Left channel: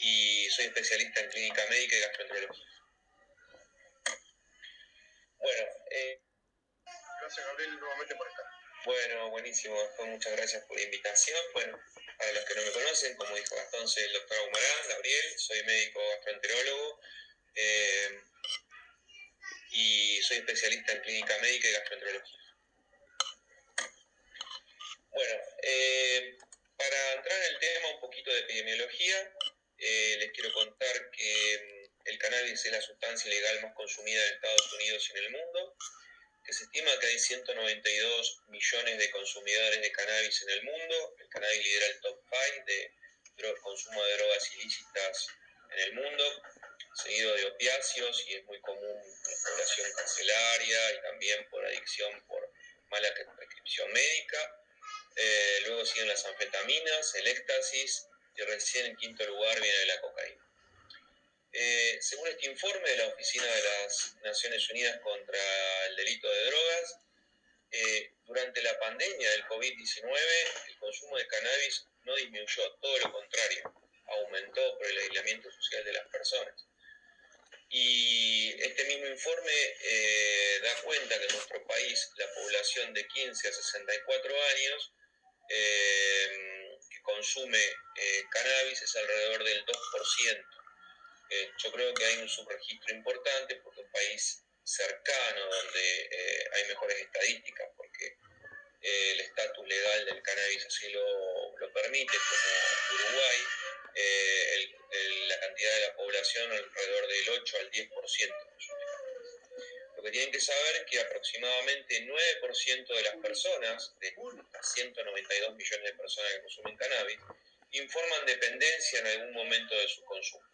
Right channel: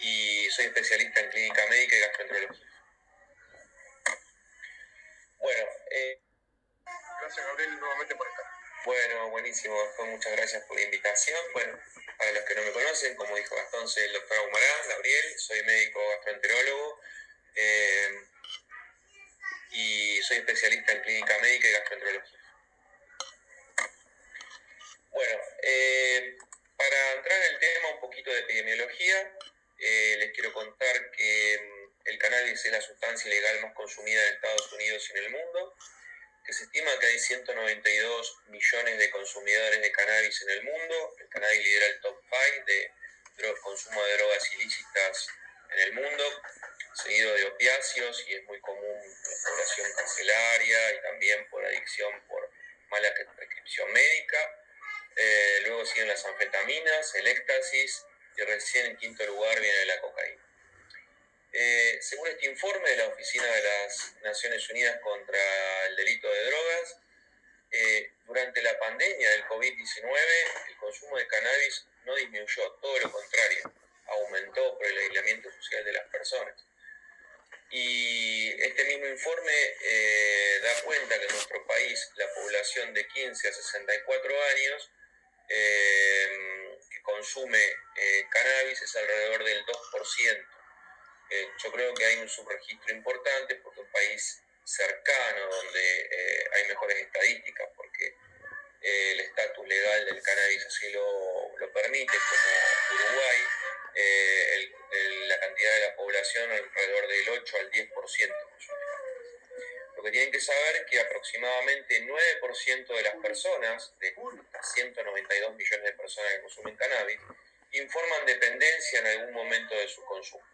y soy especialista en clínica médica y gastroenterología. Bueno, gracias Gabriel nuevamente por estar. Bueno, buenísimo, Gastón, muchas gracias por la invitación. Bueno, para los que no me conocen, como dijo Gastón, soy el doctor Ahumarán, Gabriel, soy médico gastroenterólogo y soy especialista en clínica médica y gastroenterología. Bueno, para entrar en el tema un poquito de epidemiología, les quiero contar que el cannabis es la sustancia ilegal más consumida en Estados Unidos y en el mundo, que se estima que hay 192 millones de consumidores de cannabis en el mundo. El cannabis lidera el top 5 de consumo de drogas ilícitas en el mundo, seguido de opiáceos, y es muy común en población carcelaria y también por adicción por mala prescripción médica. Luego siguen las anfetaminas, el éxtasis, y recién en quinto lugar viene la cocaína. Según este informe de la Oficina de las Naciones Unidas contra el Delito de Drogas, durante la pandemia del COVID-19 el consumo de cannabis no disminuyó, todo lo contrario, aumentó por el aislamiento social de las personas. Y este mismo informe da cuenta que en nuestro país la población de 15 a 64 años que consume cannabis es alrededor del 2%. Yo creo que hay un subregistro importante porque un país cercano donde hay mejores estadísticas porque el estatus legal del cannabis así lo permite, como Uruguay, la cantidad de la población alrededor del 8 al 10% consume cannabis. Lo que tienen que saber es que aproximadamente 9% de las personas, de 192 millones de personas que consumen cannabis, informan dependencia en algún momento de su consumo.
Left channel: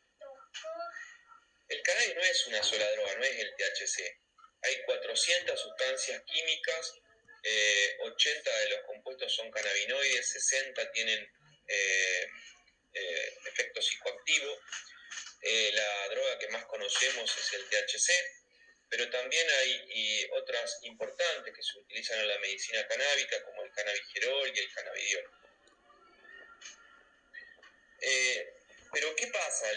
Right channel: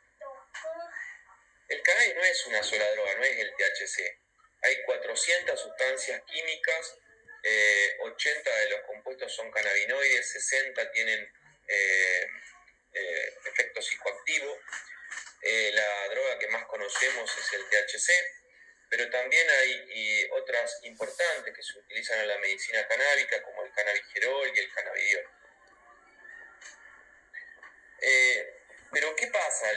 El cannabis no es una sola droga, no es el THC. Hay 400 sustancias químicas, 80 de los compuestos son cannabinoides, 60 tienen efecto psicoactivo. La droga que más conocemos es el THC, pero también hay otras importantes que se utilizan en la medicina canábica, como el cannabigerol y el cannabidiol. Pero ¿qué pasa?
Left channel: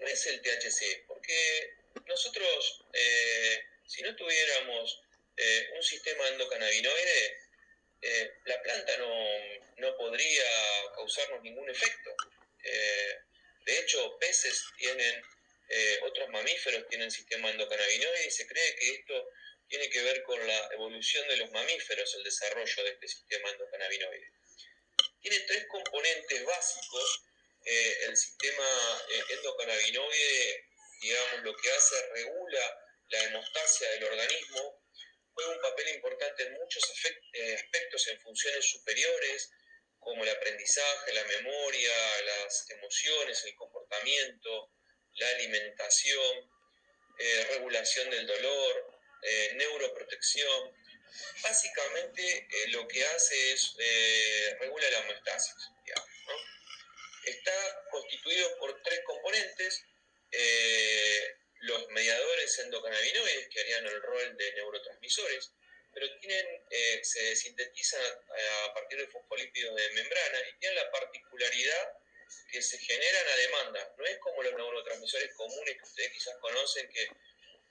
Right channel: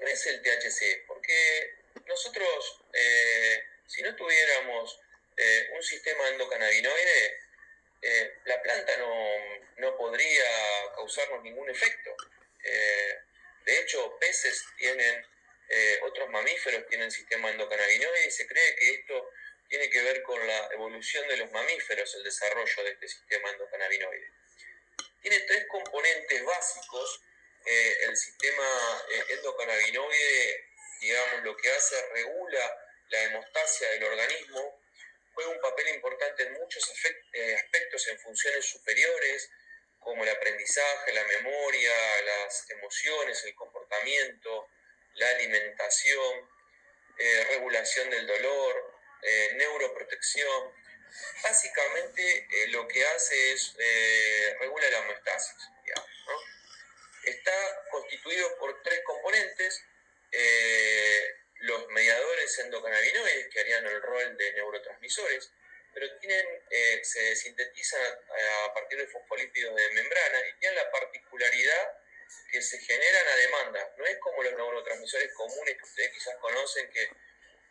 No es el THC, porque nosotros, si no tuviéramos un sistema endocannabinoide, la planta no podría causarnos ningún efecto. De hecho, peces tienen, otros mamíferos tienen sistema endocannabinoide y se cree que esto tiene que ver con la evolución de los mamíferos, el desarrollo de este sistema endocannabinoide. Tiene tres componentes básicos. El sistema endocannabinoide, digamos, lo que hace, regula la hemostasia del organismo, juega un papel importante en muchos aspectos en funciones superiores, como el aprendizaje, la memoria, las emociones, el comportamiento, la alimentación, regulación del dolor, neuroprotección. Básicamente lo que hace es regula la homeostasis, digamos, ¿no? Está constituido por tres componentes: los mediadores endocannabinoides, que harían el rol de neurotransmisores, pero se sintetizan a partir de fosfolípidos de membrana y tienen la particularidad que se generan a demanda. No es como los neurotransmisores comunes que ustedes quizás conocen, que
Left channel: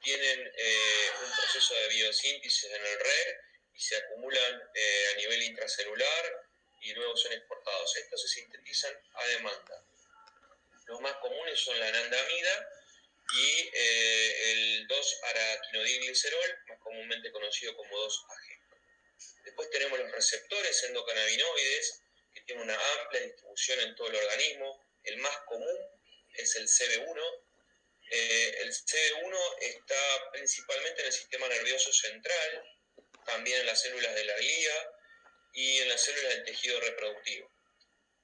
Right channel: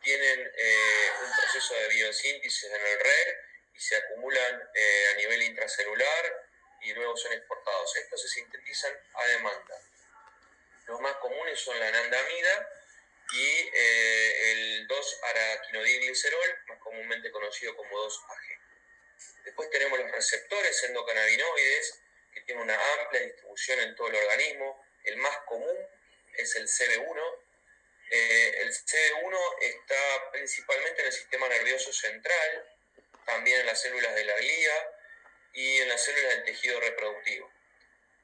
tienen un proceso de biosíntesis en el RER y se acumulan a nivel intracelular y luego son exportados. Estos se sintetizan a demanda. Los más comunes son la anandamida y el 2-araquinodilglicerol, más comúnmente conocido como 2-AG. Después tenemos los receptores endocannabinoides, que tienen una amplia distribución en todo el organismo. El más común es el CB1. El CB1 está principalmente en el sistema nervioso central, también en las células de la glía y en las células del tejido reproductivo.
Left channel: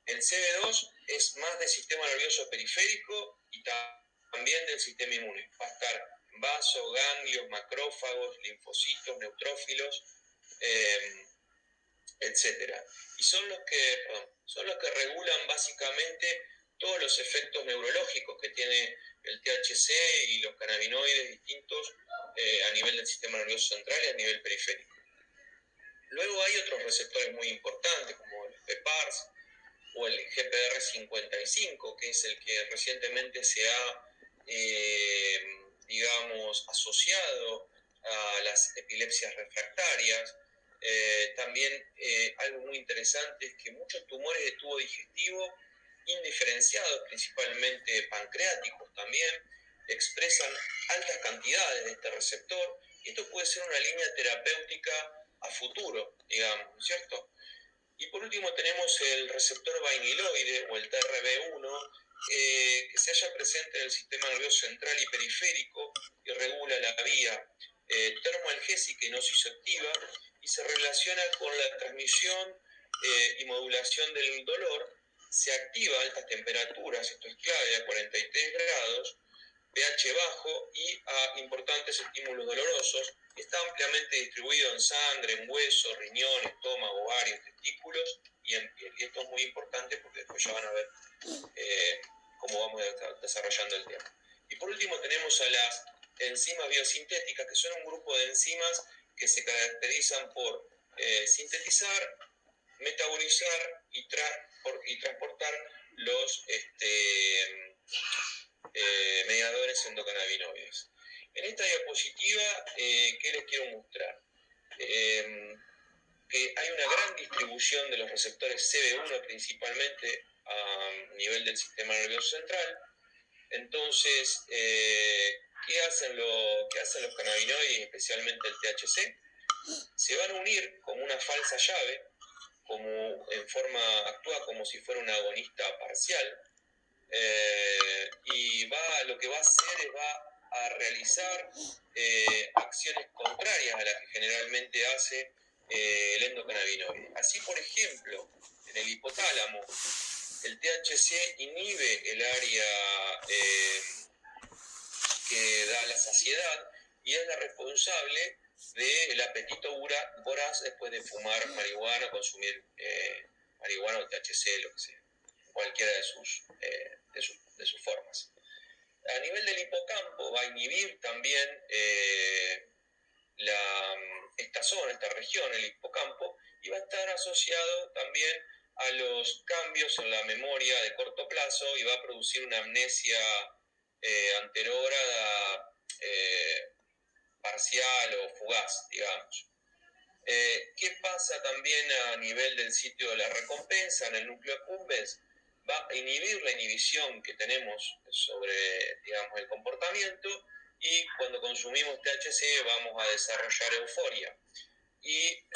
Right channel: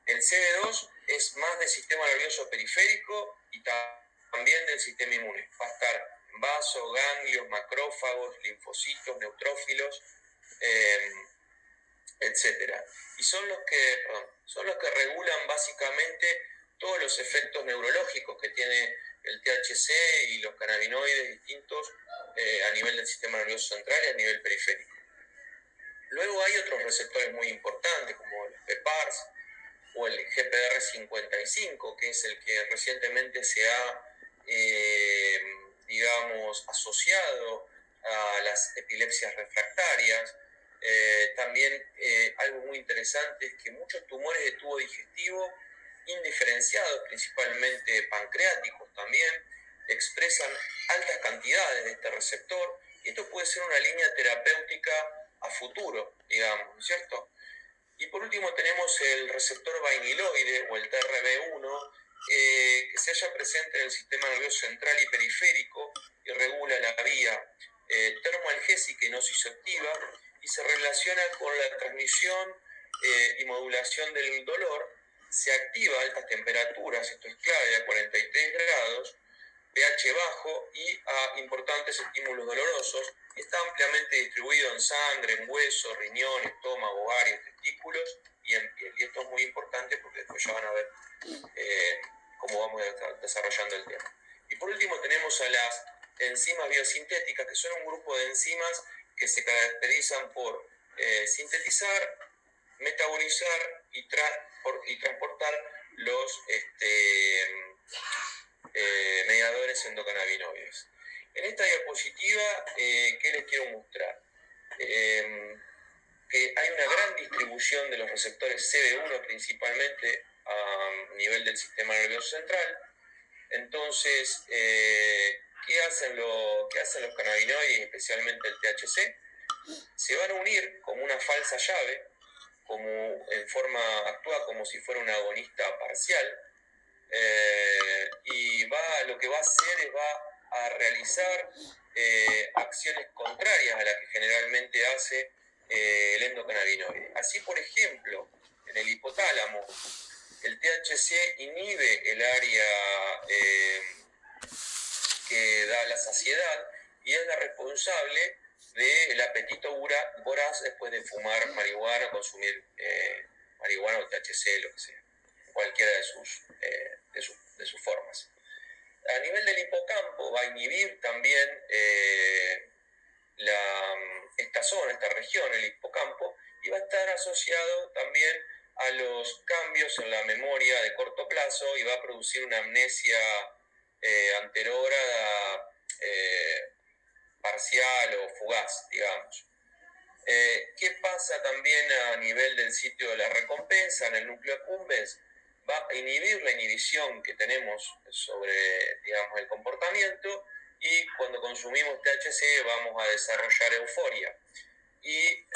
El CB2 es más del sistema nervioso periférico y también del sistema inmune. Va a estar en vasos, ganglios, macrófagos, linfocitos, neutrófilos, etc. Y son los que regulan básicamente todos los efectos neurológicos que tiene el THC y los cannabinoides distintos a nivel del sistema nervioso central y a nivel periférico. Luego hay otros receptores muy importantes, como los PPARs, o el GPR55, que es el que recientemente se ha, digamos, asociado a las epilepsias refractarias. También algo muy interesante es que muchos tumores de tubo digestivo indiferenciados, principalmente pancreáticos también, expresan altas cantidades de este receptor, y esto puede ser una línea terapéutica a futuro, digamos, ¿cierto? Y por último tenemos el receptor vainiloide o el TRB1, que se halla presente en el sistema nervioso central y periférico y regula la vía termoalgésica y nociceptiva, y se relaciona con la transmisión y modulación del dolor. Se activa a altas temperaturas, esto es clave, a 43 grados, pH bajo y a importantes estímulos dolorosos. Está ampliamente distribuido en sangre, en hueso, riñón, estómago, ovarios, testículos y en piel. Y esto es muy importante porque después ya van a ver cómo vamos desarrollando el tema. Y por último tenemos a las enzimas biosintéticas, que son un grupo de enzimas que se caracterizan por sintetizar, metabolizar y transportar los mediadores endocannabinoides. En esta diapositiva, ¿qué les quiero mostrar? Que hay una gran distribución de los receptores CB1 principalmente a nivel del sistema nervioso central. Entonces, ¿qué hacen los cannabinoides, especialmente el THC? Se van a unir como una falsa llave, actúa como si fuera un agonista parcial, y lo que va a hacer es va a realizar acciones contrarias a las que generalmente hace el endocannabinoide. Así, por ejemplo, en el hipotálamo, el THC inhibe el área que da la saciedad y es la responsable del apetito voraz después de fumar marihuana, consumir marihuana o THC, lo que sea, cualquiera de sus formas. A nivel del hipocampo va a inhibir también esta región, el hipocampo, y va a estar asociado también a los cambios en la memoria de corto plazo y va a producir una amnesia anterógrada parcial o fugaz, digamos. ¿Qué pasa también a nivel del sitio de la recompensa en el núcleo accumbens? Va a inhibir la inhibición que tenemos sobre, digamos, el comportamiento, y cuando consumimos THC vamos a desarrollar euforia. Y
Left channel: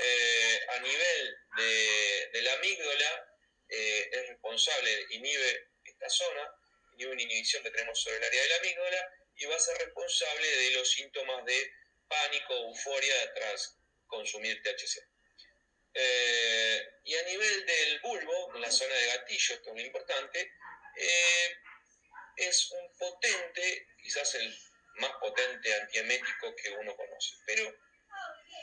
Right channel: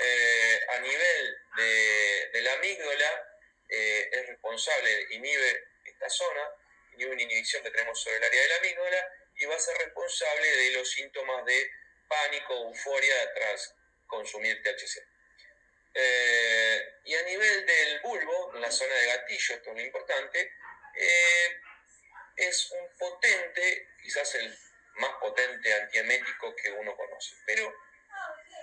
a nivel de la amígdala, es responsable, inhibe esta zona, inhibe una inhibición que tenemos sobre el área de la amígdala, y va a ser responsable de los síntomas de pánico o euforia tras consumir THC. Y a nivel del bulbo, en la zona de gatillo, esto es lo importante, es un potente, quizás el más potente antiemético que uno conoce. Pero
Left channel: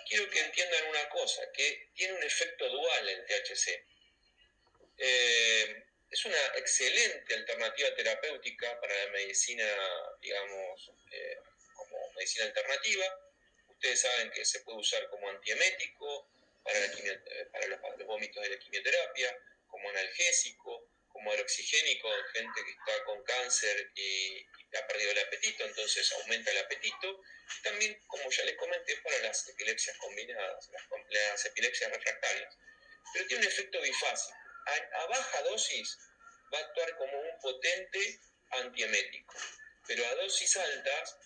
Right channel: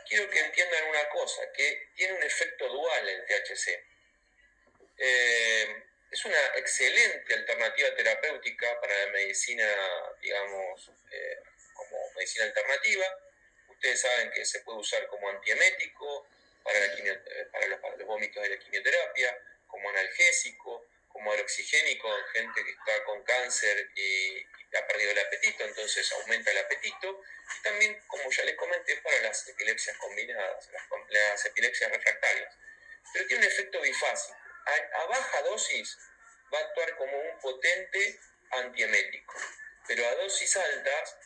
quiero que entiendan una cosa, que tiene un efecto dual el THC. Es una excelente alternativa terapéutica para la medicina, digamos, como medicina alternativa. Ustedes saben que se puede usar como antiemético para los vómitos de la quimioterapia, como analgésico, como aloxigénico en gente que está con cáncer y ha perdido el apetito, entonces aumenta el apetito. Y también, como ya les comenté, para las epilepsias combinadas, las epilepsias refractarias. Pero tiene un efecto bifásico. A baja dosis va a actuar como un potente antiemético, pero a dosis altas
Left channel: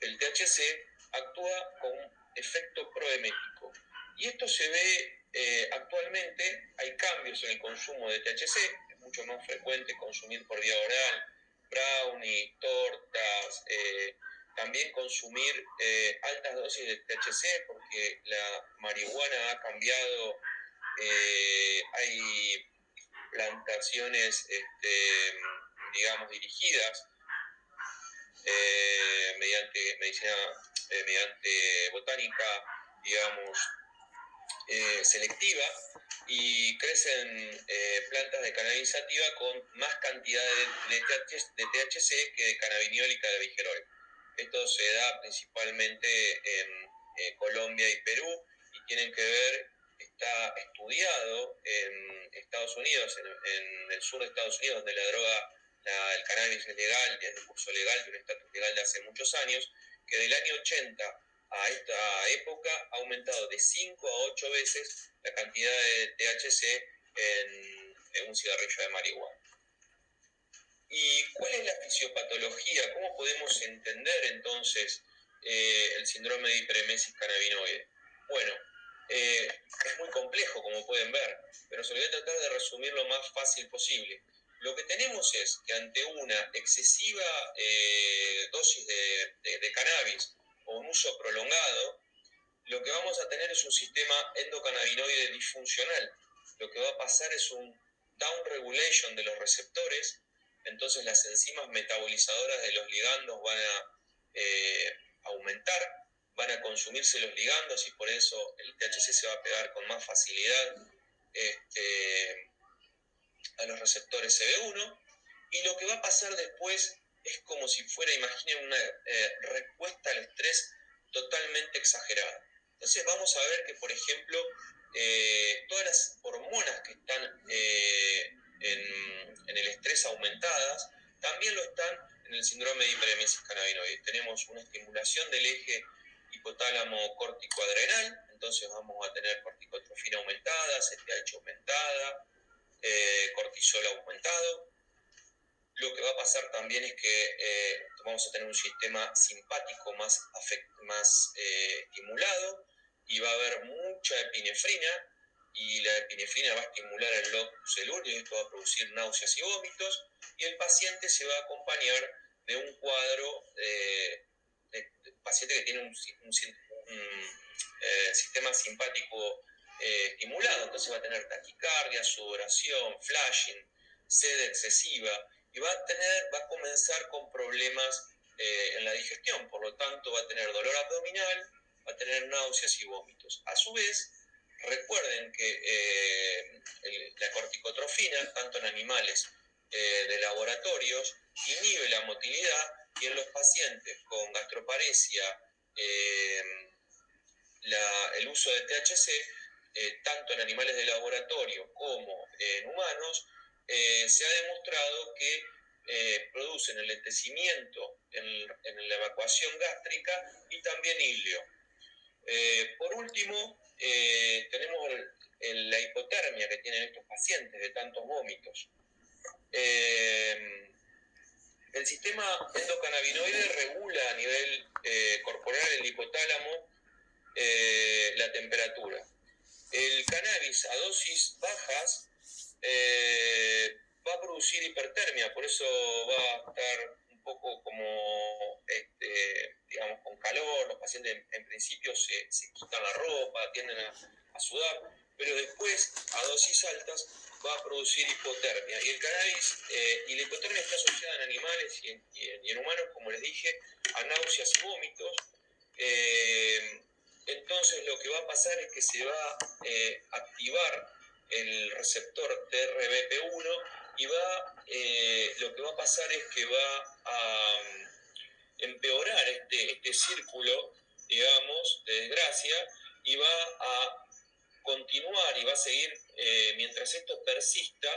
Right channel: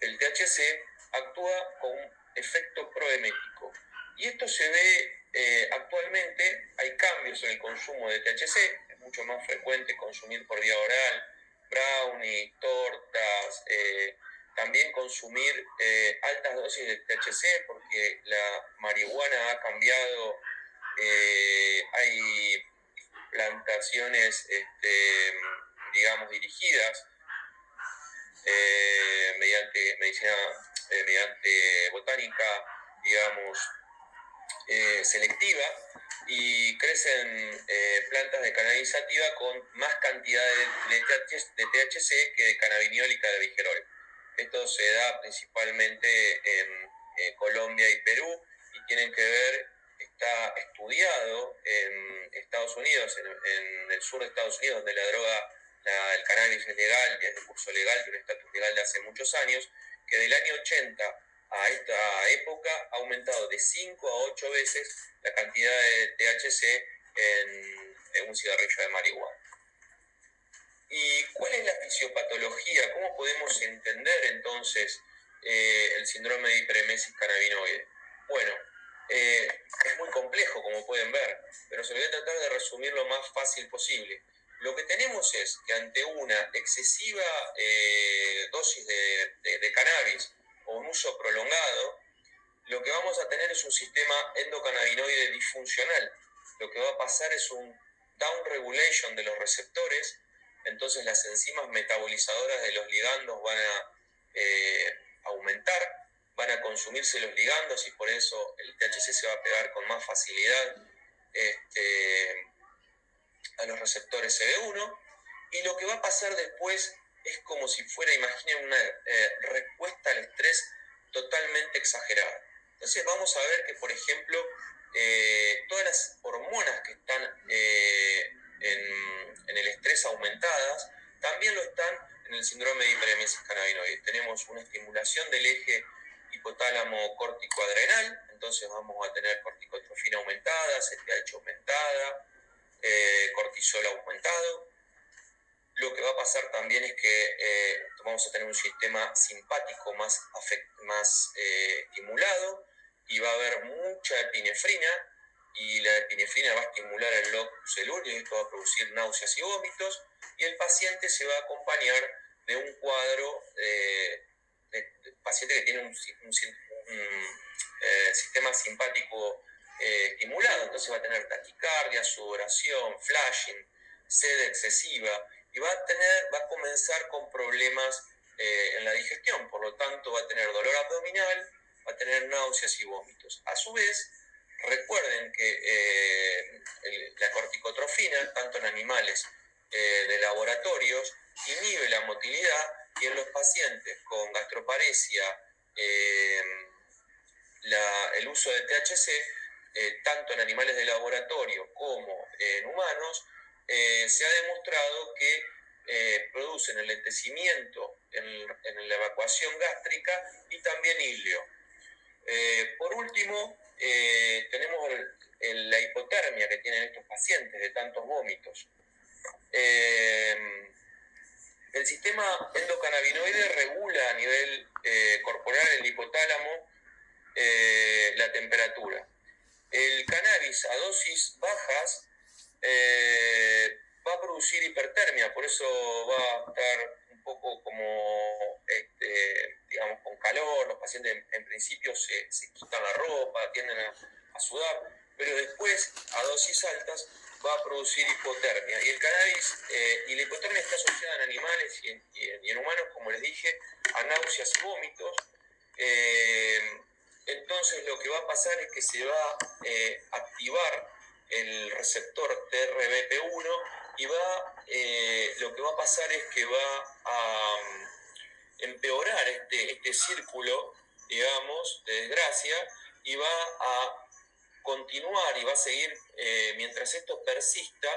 el THC actúa con un efecto proemético. Y esto se ve actualmente, hay cambios en el consumo de THC, es mucho más frecuente consumir por vía oral, brownie, tortas, también consumir altas dosis de THC porque la marihuana ha cambiado, hay plantaciones, digamos, dirigidas mediante botánica, digamos, selectiva, y crecen plantas de cannabis sativa con más cantidad de THC que de cannabiniol y cannabigerol. Esto se da principalmente en Colombia y Perú y tienen que ver está estudiado en Estados Unidos, en el sur de Estados Unidos, donde la droga, el cannabis es legal, y es de curso legal, tiene un estatus legal de hace muchos años, que del año 80 a esta época ha aumentado de 5 a 8 veces la cantidad de THC en un cigarrillo de marihuana. ¿Y cuál es la fisiopatología? ¿Cómo podemos entender entonces el síndrome de hiperemesis cannabinoide? Bueno, es muy complejo, como pueden ver, pero se lo voy a tratar de resumir lo más fácil posible. Lo que tenemos es que ante una excesiva dosis de cannabis o un uso prolongado, lo que vamos a tener es un sistema endocannabinoide disfuncional. Lo que va a pasar es un downregulation de los receptores, entonces las enzimas metabolizadoras de los ligandos van a aumentar, van a consumirse los ligandos y por eso el THC se va a pegar con más facilidad a los receptores CB1, y lo que va a pasar después es como si fuera, imaginen, una respuesta al estrés totalmente exagerada. Entonces vamos a ver que, por ejemplo, todas las hormonas que están en el estrés aumentadas, también lo están en el síndrome de hiperemesis cannabinoide. Tenemos una estimulación del eje hipotálamo córtico adrenal, entonces vamos a tener corticotrofina aumentada, CTH aumentada, cortisol aumentado. Lo que va a pasar también es que vamos a tener un sistema simpático más estimulado, y va a haber mucha epinefrina, y la epinefrina va a estimular el locus coeruleus y esto va a producir náuseas y vómitos, y el paciente se va a acompañar de un cuadro de paciente que tiene un sistema simpático estimulado, entonces va a tener taquicardia, sudoración, flashing, sed excesiva, y va a comenzar con problemas en la digestión, por lo tanto va a tener dolor abdominal, va a tener náuseas y vómitos. A su vez, recuerden que la corticotrofina, tanto en animales de laboratorios, inhibe la motilidad, y en los pacientes con gastroparesia, el uso de THC, tanto en animales de laboratorio como en humanos, se ha demostrado que producen enlentecimiento en la evacuación gástrica y también ilio. Por último, tenemos la hipotermia que tienen estos pacientes de tantos vómitos. El sistema endocannabinoide regula a nivel corporal, el hipotálamo, la temperatura. El cannabis a dosis bajas va a producir hipertermia, por eso va a estar un poco como, digamos, con calor. Los pacientes en principio se quitan la ropa, tienden a sudar, pero después a dosis altas va a producir hipotermia. Y el cannabis y la hipotermia está asociada en animales y en humanos, como les dije, a náuseas y vómitos. Entonces lo que va a pasar es que se va a activar el receptor TRBP1 y lo que va a pasar es que va a empeorar este círculo, digamos, de desgracia, y va a continuar y va a seguir, mientras esto persista,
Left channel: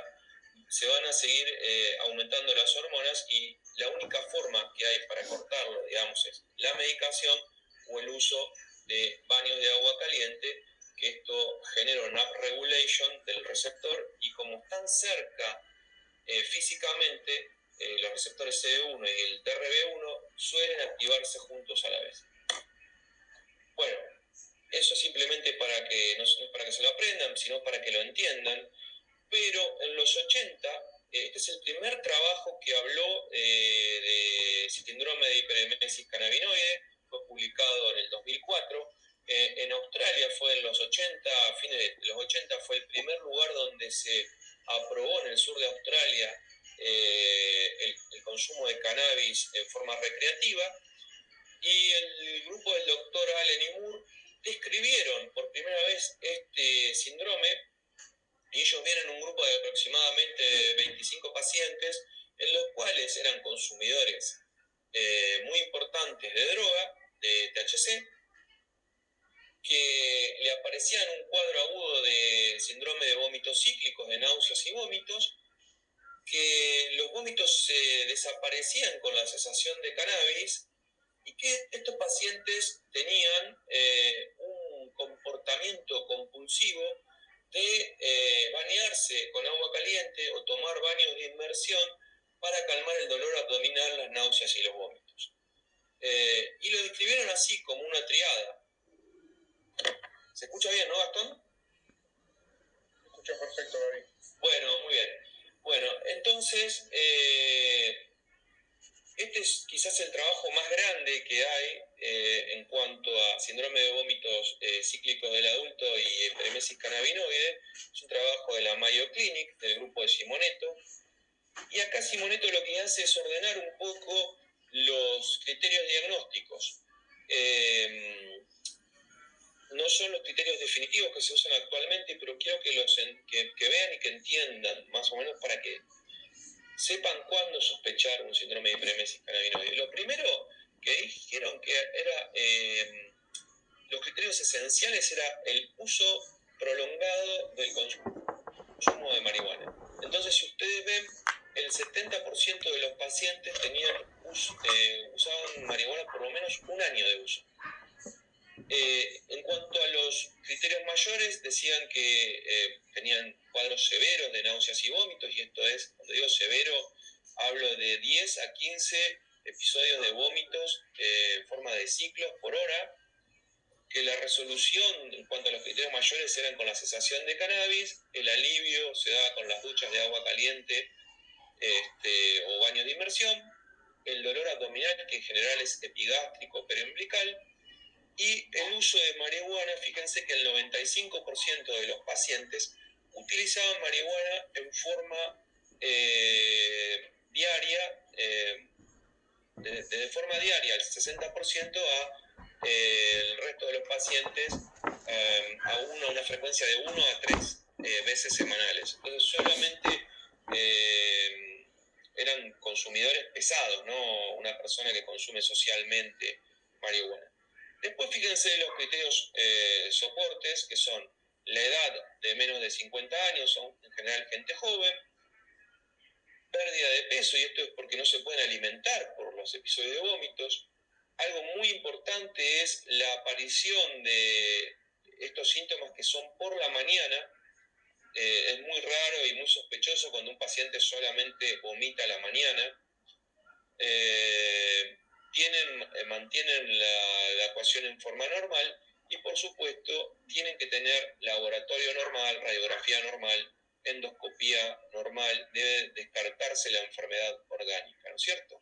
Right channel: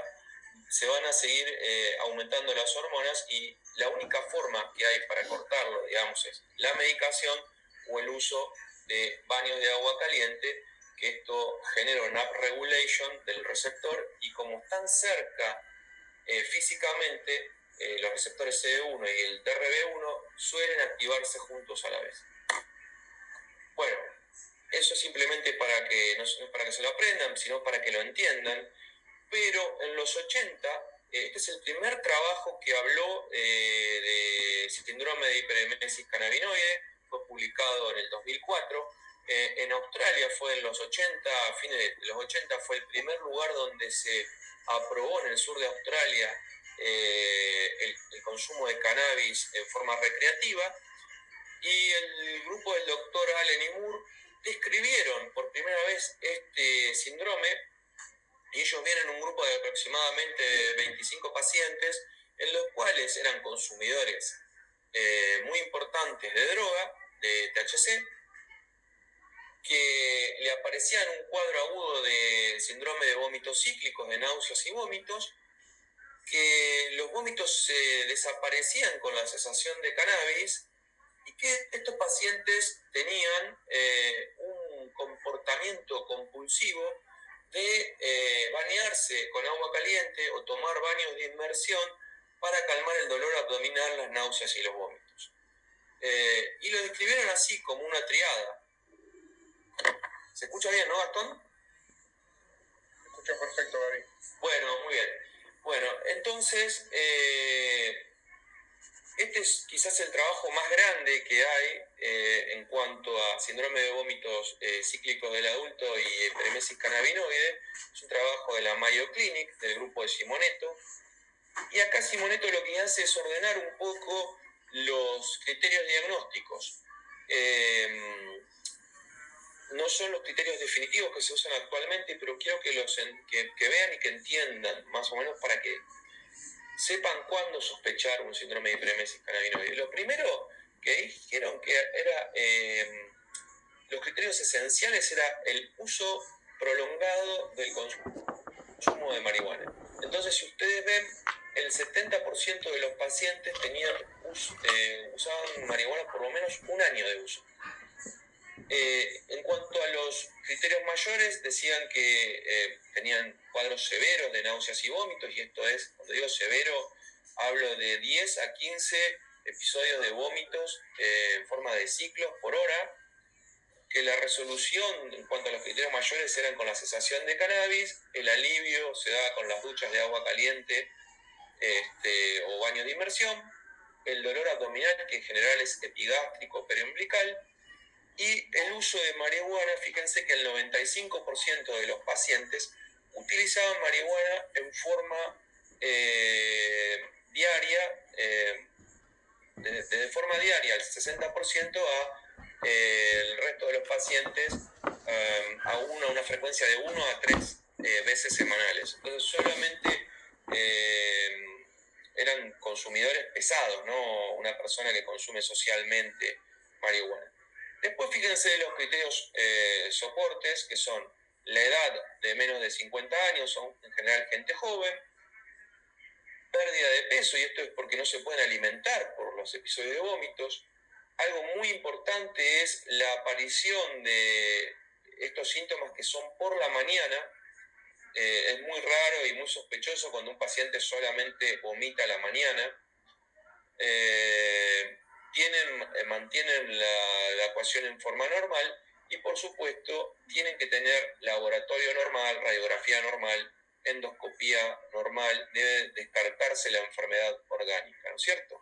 se van a seguir aumentando las hormonas, y la única forma que hay para cortarlo, digamos, es la medicación o el uso de baños de agua caliente, que esto genera una upregulation del receptor, y como están cerca físicamente, los receptores CD1 y el TRB1 suelen activarse juntos a la vez. Bueno, eso es simplemente para que, no es para que se lo aprendan, sino para que lo entiendan. Pero en los 80, este es el primer trabajo que habló de síndrome de hiperemesis cannabinoide, fue publicado en el 2004. En Australia fue en los 80, a fines de los 80, fue el primer lugar donde se aprobó, en el sur de Australia, el consumo de cannabis en forma recreativa, y el grupo del doctor Allen y Moore describieron por primera vez este síndrome, y ellos vienen un grupo de aproximadamente 25 pacientes, en los cuales eran consumidores muy importantes de droga, de THC, que le aparecían un cuadro agudo de síndrome de vómitos cíclicos, de náuseas y vómitos, que los vómitos se desaparecían con la cesación de cannabis y que estos pacientes tenían un comportamiento compulsivo de bañarse con agua caliente o tomar baños de inmersión para calmar el dolor abdominal, las náuseas y los vómitos. Y lo describieron así, como una triada. ¿Se escucha bien, no, Gastón? Se escucha perfecto, Gaby. Bueno, muy bien. Bueno, entonces, este es quizás el trabajo más grande que hay en cuanto a síndrome de vómitos cíclicos del adulto y epiremesis cannabinoide. Es un trabajo de la Mayo Clinic, del grupo de Simoneto. Y acá Simoneto lo que hace es ordenar un poco los criterios diagnósticos. No son los criterios definitivos que se usan actualmente, pero quiero que vean y que entiendan, más o menos, para que sepan cuándo sospechar un síndrome de hiperemesis cannabinoide. Lo primero que dijeron que era, los criterios esenciales era el uso prolongado del consumo de marihuana. Entonces, si ustedes ven, el 70% de los pacientes usaban marihuana por lo menos un año de uso. En cuanto a los criterios mayores, decían que tenían cuadros severos de náuseas y vómitos, y esto es, cuando digo severo, hablo de 10 a 15 episodios de vómitos en forma de ciclos por hora, que la resolución en cuanto a los criterios mayores eran con la cesación de cannabis, el alivio se daba con las duchas de agua caliente o baños de inmersión, el dolor abdominal, que en general es epigástrico periumbilical, y el uso de marihuana. Fíjense que el 95% de los pacientes utilizaban marihuana en forma diaria, de forma diaria, el 60% el resto de los pacientes a una frecuencia de 1 a 3 veces semanales. Entonces solamente eran consumidores pesados, no una persona que consume socialmente marihuana. Después fíjense los criterios soportes, que son la edad de menos de 50 años, son en general gente joven, pérdida de peso, y esto es porque no se pueden alimentar por los episodios de vómitos. Algo muy importante es la aparición de estos síntomas que son por la mañana. Es muy raro y muy sospechoso cuando un paciente solamente vomita a la mañana. Mantienen la ecuación en forma normal y, por supuesto, tienen que tener laboratorio normal, radiografía normal, endoscopía normal. Debe descartarse la enfermedad orgánica, ¿no es cierto?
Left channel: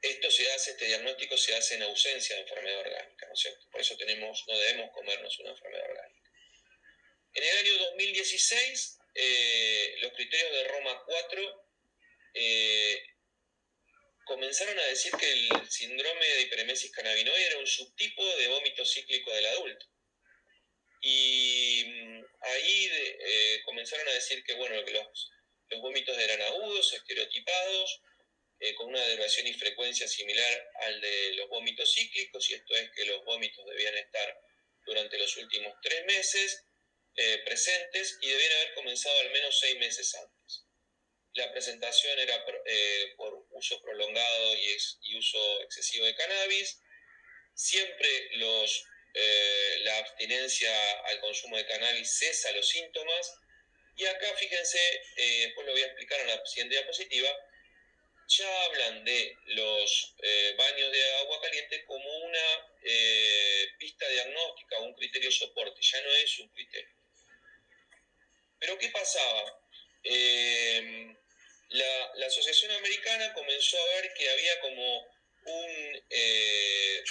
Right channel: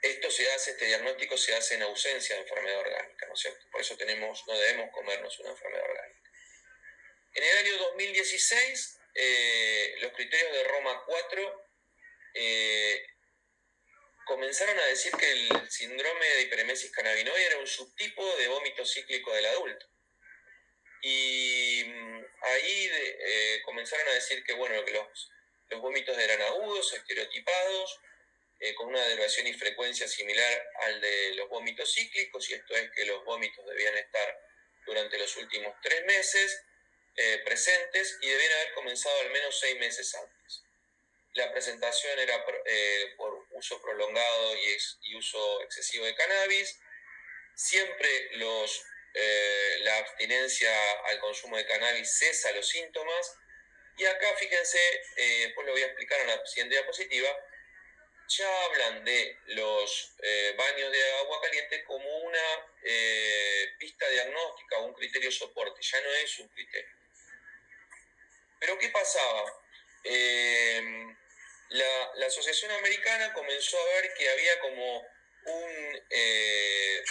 Este diagnóstico se hace en ausencia de enfermedad orgánica, ¿no es cierto? Por eso no debemos comernos una enfermedad orgánica. En el año 2016, los criterios de Roma 4 comenzaron a decir que el síndrome de hiperemesis cannabinoide era un subtipo de vómito cíclico del adulto. Y ahí comenzaron a decir que, bueno, que los vómitos eran agudos, estereotipados, con una duración y frecuencia similar al de los vómitos cíclicos, y esto es que los vómitos debían estar durante los últimos 3 meses presentes y debían haber comenzado al menos 6 meses antes. La presentación era por uso prolongado y uso excesivo de cannabis. Siempre la abstinencia al consumo de cannabis cesa los síntomas. Y acá, fíjense, después lo voy a explicar en la siguiente diapositiva, ya hablan de los baños de agua caliente como una pista diagnóstica o un criterio soporte, ya no es un criterio. Pero ¿qué pasaba? La Asociación Americana comenzó a ver que había como un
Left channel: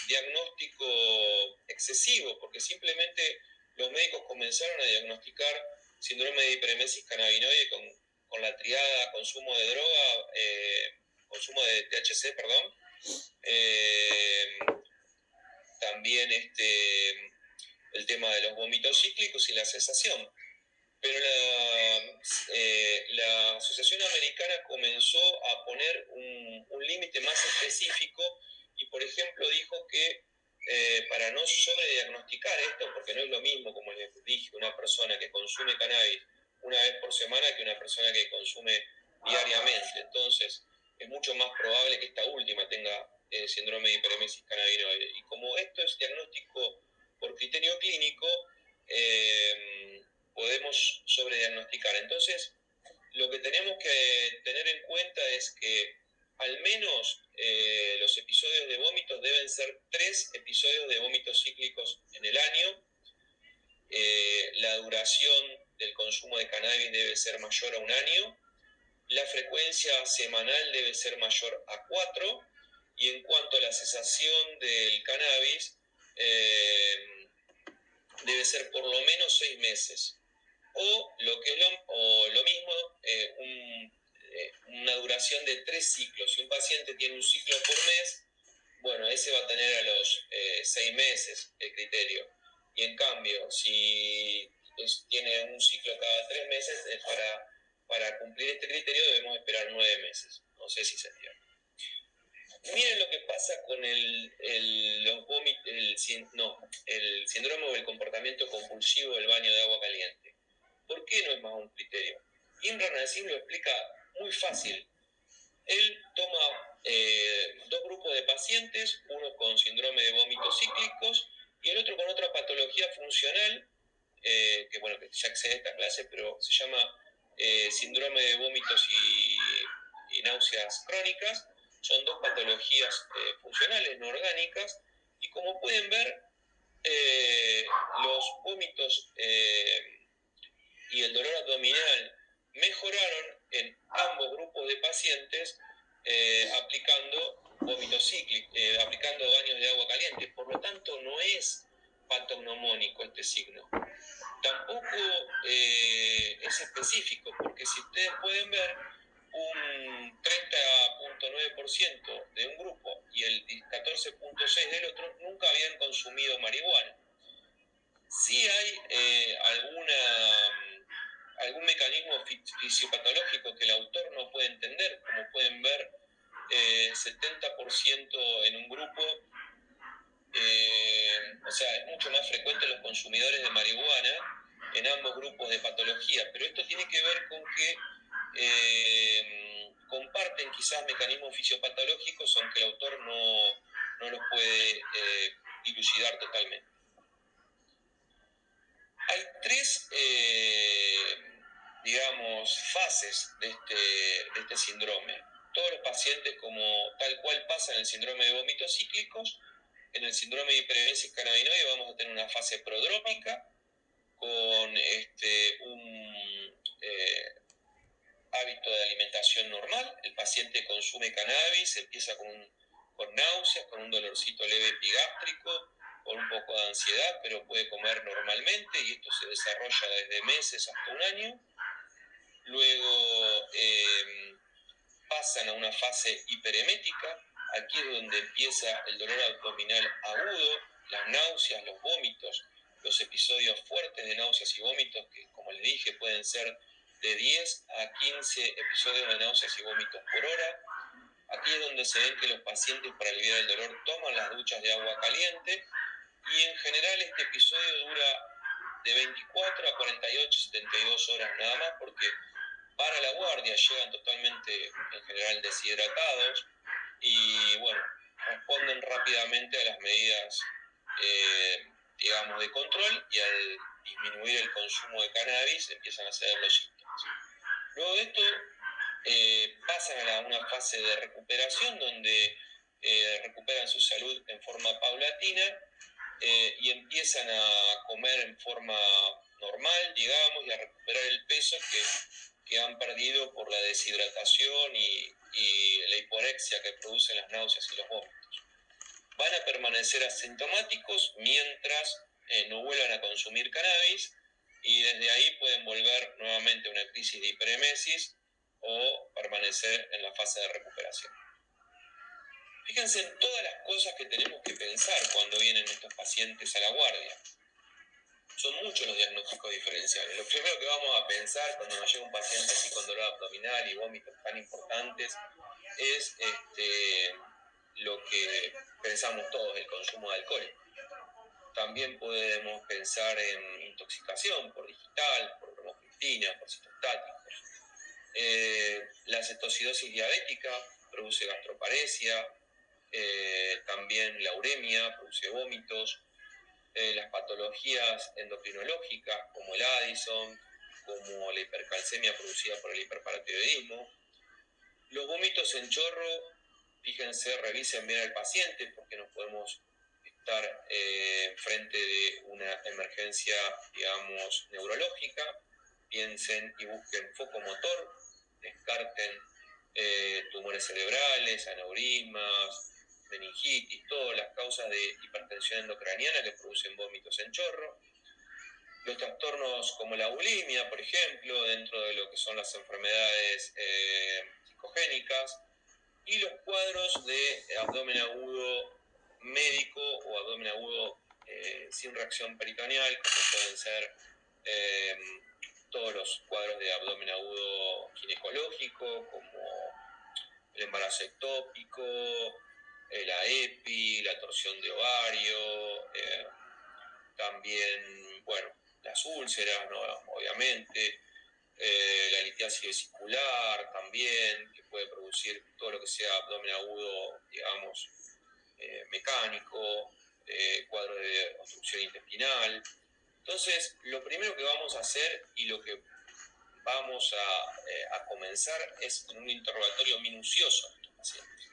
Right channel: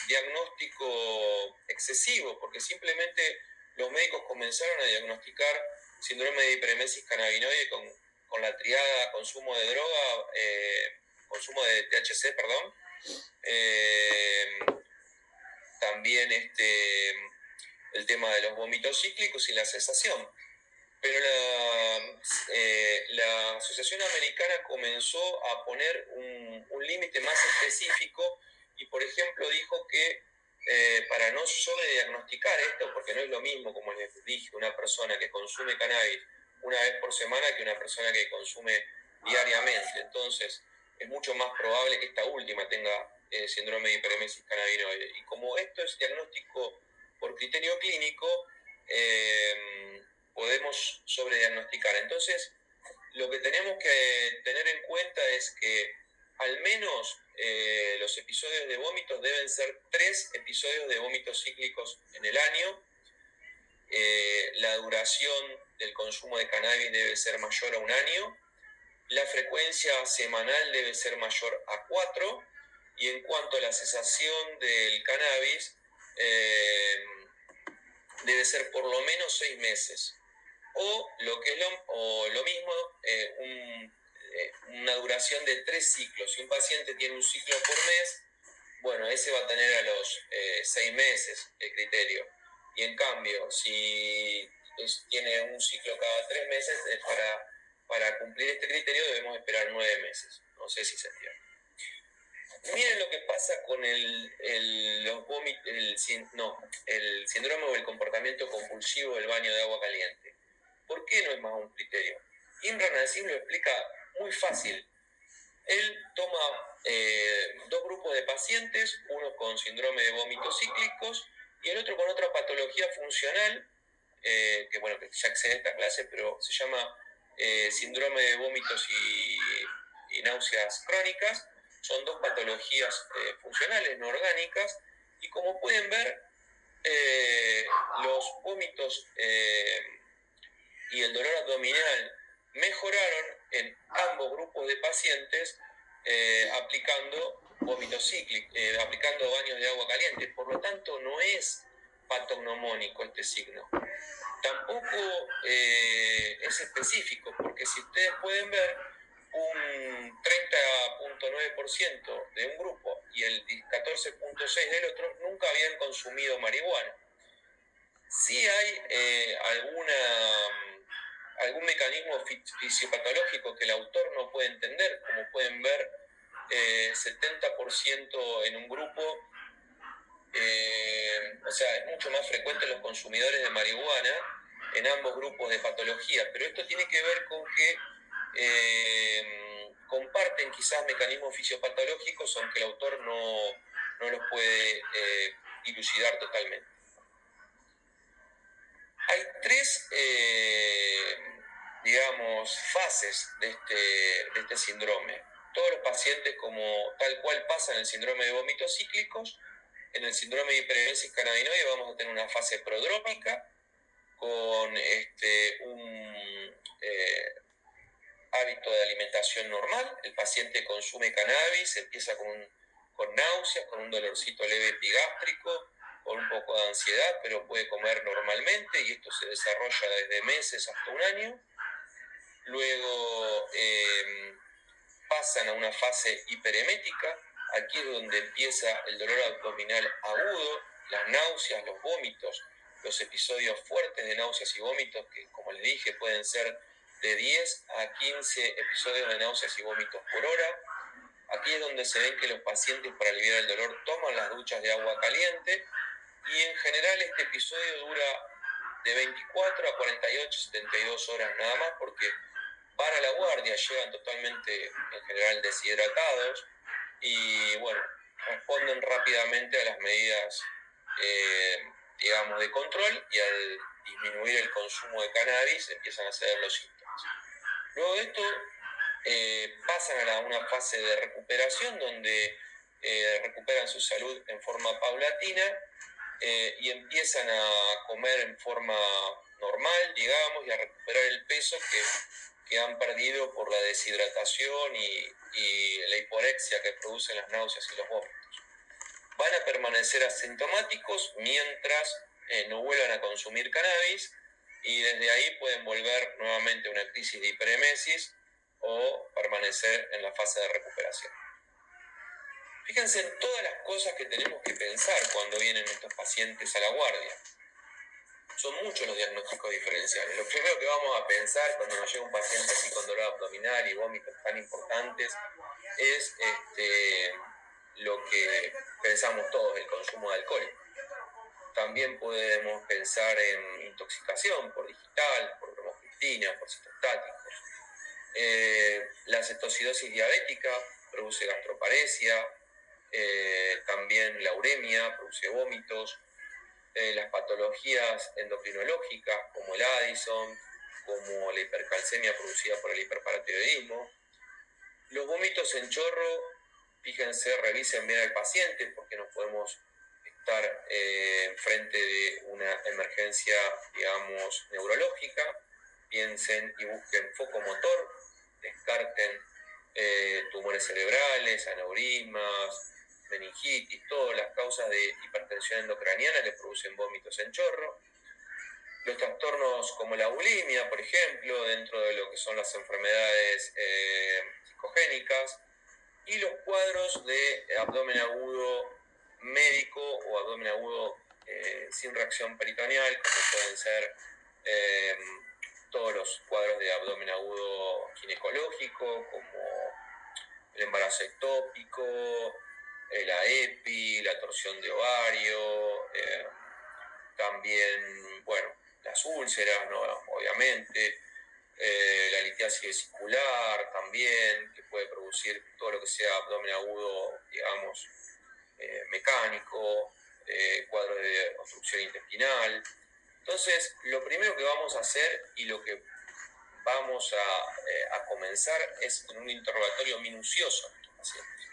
diagnóstico excesivo, porque simplemente los médicos comenzaron a diagnosticar síndrome de hiperemesis cannabinoide con la triada consumo de droga, consumo de THC, perdón, también el tema de los vómitos cíclicos y la cesación. Pero la Asociación Americana comenzó a poner un límite más específico y, por ejemplo, dijo que para no sobrediagnosticar esto, porque no es lo mismo, como les dije, una persona que consume cannabis una vez por semana que una persona que consume diariamente. Entonces, es mucho más probable que esta última tenga síndrome de hiperemesis cannabinoide. Y como esto es diagnóstico por criterio clínico, podemos sobrediagnosticar. Entonces, lo que tenemos que tener en cuenta es que al menos los episodios de vómitos deben ser 3 episodios de vómitos cíclicos en el año. La duración del consumo de cannabis debe ser mayor a 1 año. La frecuencia semanal debe ser mayor a 4. Y en cuanto a la cesación del cannabis, debe ser por lo menos 6 meses. O lo mismo, una duración de 3 ciclos. Si un paciente tiene un ciclo por mes, bueno, ese va a tener a los 6 meses el criterio. Y en cambio, si tiene un ciclo cada 3 meses, para cumplir este criterio debemos esperar 9 meses. No sé si se entiende. Miren lo que pasa con el síndrome o el comportamiento compulsivo del baño de agua caliente. ¿Por qué no es más un criterio? Imran Nassim lo explica muy fácil. Él toma 2 grupos de pacientes, uno con síndrome de vómitos cíclicos y el otro con otra patología funcional, que ya excede esta clase, pero se llama síndrome de vómitos y náuseas crónicas. Son 2 patologías funcionales, no orgánicas, y como pueden ver, los vómitos y el dolor abdominal mejoraron en ambos grupos de pacientes aplicando vómitos cíclicos, aplicando baños de agua caliente. Por lo tanto, no es patognomónico este signo. Tampoco es específico, porque si ustedes pueden ver, un 30.9% de un grupo y el 14.6% del otro nunca habían consumido marihuana. Sí hay algún mecanismo fisiopatológico que el autor no puede entender, como pueden ver, 70% en un grupo, o sea, es mucho más frecuente en los consumidores de marihuana en ambos grupos de patología, pero esto tiene que ver con que comparten quizás mecanismos fisiopatológicos, aunque el autor no los puede dilucidar totalmente. Hay 3, fases de este síndrome. Todos los pacientes, como tal cual pasa en el síndrome de vómitos cíclicos, en el síndrome de hiperemesis cannabinoide vamos a tener una fase prodrómica con un hábito de alimentación normal. El paciente consume cannabis, empieza con náuseas, con un dolorcito leve epigástrico, con un poco de ansiedad, pero puede comer normalmente y esto se desarrolla desde meses hasta 1 año. Luego pasan a una fase hiperemética. Aquí es donde empieza el dolor abdominal agudo, las náuseas, los vómitos, los episodios fuertes de náuseas y vómitos, que como les dije pueden ser de 10 a 15 episodios de náuseas y vómitos por hora. Aquí es donde se ven que los pacientes, para aliviar el dolor, toman las duchas de agua caliente, y en general este episodio dura de 24 a 48, 72 horas nada más, porque van a la guardia, llegan totalmente en general deshidratados y responden rápidamente a las medidas de control, y al disminuir el consumo de cannabis empiezan a ceder los síntomas. Luego de esto pasan a una fase de recuperación donde recuperan su salud en forma paulatina y empiezan a comer en forma normal, y a recuperar el peso que han perdido por la deshidratación y la hiporexia que producen las náuseas y los vómitos. Van a permanecer asintomáticos mientras no vuelvan a consumir cannabis, y desde ahí pueden volver nuevamente a una crisis de hiperemesis o permanecer en la fase de recuperación. Fíjense en todas las cosas que tenemos que pensar cuando vienen estos pacientes a la guardia. Son muchos los diagnósticos diferenciales. Lo primero que vamos a pensar cuando nos llega un paciente así con dolor abdominal y vómitos tan importantes es lo que pensamos todos, el consumo de alcohol. También podemos pensar en intoxicación por digital, por bromocriptina, por citostáticos. La cetocidosis diabética produce gastroparesia, también la uremia produce vómitos, las patologías endocrinológicas como el Addison, como la hipercalcemia producida por el hiperparatiroidismo. Los vómitos en chorro, fíjense, revisen bien al paciente porque no podemos estar frente de una emergencia, digamos, neurológica. Piensen y busquen foco motor, descarten tumores cerebrales, aneurismas, meningitis, todas las causas de hipertensión endocraniana que producen vómitos en chorro. Los trastornos como la bulimia, por ejemplo, dentro de lo que son las enfermedades psicogénicas, y los cuadros de abdomen agudo médico o abdomen agudo sin reacción peritoneal, como pueden ser todos los cuadros de abdomen agudo ginecológico, como el embarazo ectópico, la EPI, la torsión de ovario, también, bueno, las úlceras, ¿no? Obviamente, la litiasis vesicular también, que puede producir todo lo que sea abdomen agudo, digamos, mecánico, cuadro de obstrucción intestinal. Entonces, lo primero que vamos a hacer y lo que vamos a comenzar es en un interrogatorio minucioso a estos pacientes,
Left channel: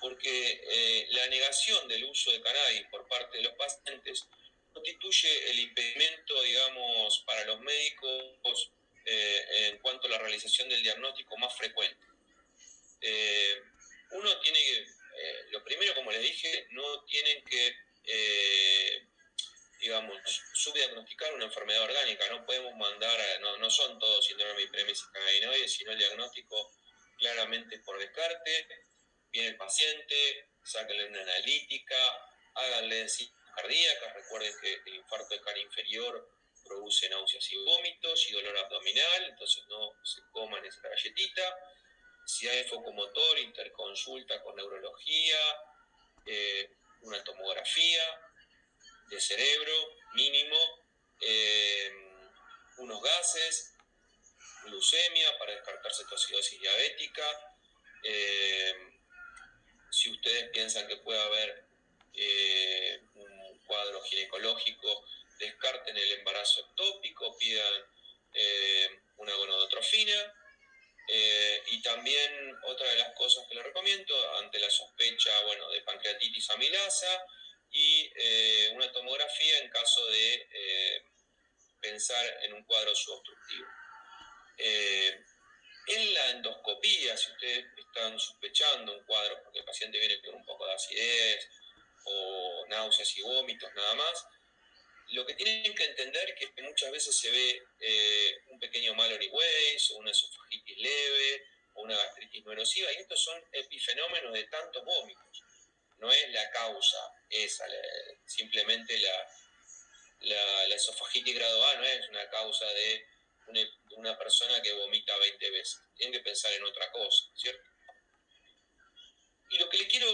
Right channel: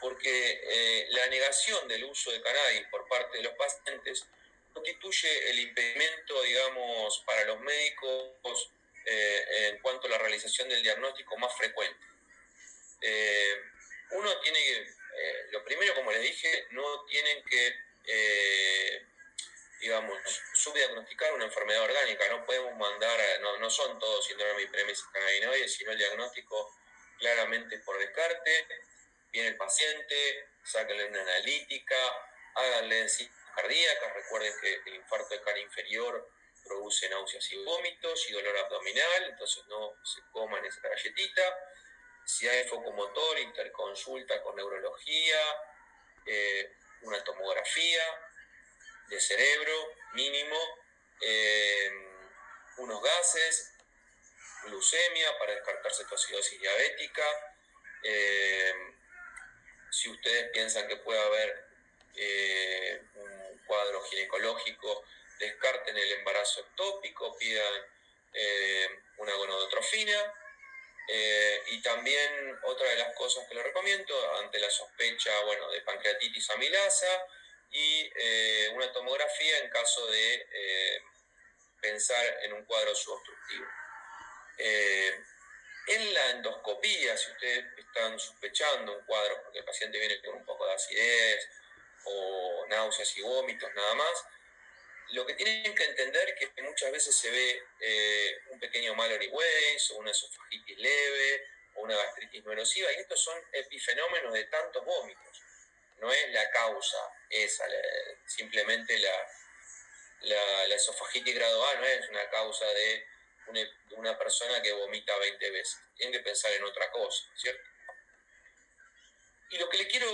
porque la negación del uso de cannabis por parte de los pacientes constituye el impedimento, digamos, para los médicos en cuanto a la realización del diagnóstico más frecuente. Uno tiene que, lo primero, como les dije, no tienen que, digamos, subdiagnosticar una enfermedad orgánica. No podemos mandar, no son todos síndrome de hiperemesis cannabinoide, sino el diagnóstico claramente por descarte. Viene el paciente, sáquenle una analítica, háganle ciclos cardíacas. Recuerden que el infarto de cara inferior produce náuseas y vómitos y dolor abdominal, entonces no se coman esa galletita. Si hay focomotor, interconsulta con neurología, una tomografía de cerebro mínimo, unos gases, glucemia para descartar cetocidosis diabética. Si ustedes piensan que puede haber un cuadro ginecológico, descarten el embarazo ectópico, pidan una gonadotrofina. Y también otra de las cosas que les recomiendo ante la sospecha, bueno, de pancreatitis amilasa y una tomografía en caso de pensar en un cuadro subobstructivo. En la endoscopía, si ustedes están sospechando un cuadro porque el paciente viene con un poco de acidez o náuseas y vómitos nada más, lo que tienen que entender es que muchas veces se ve un pequeño Mallory Weiss o una esofagitis leve o una gastritis no erosiva, y estos son epifenómenos de tantos vómitos. No es la causa esa, simplemente la esofagitis grado A no es una causa de una persona que vomita 20 veces. Tienen que pensar en otra cosa, ¿cierto? Y lo que le quiero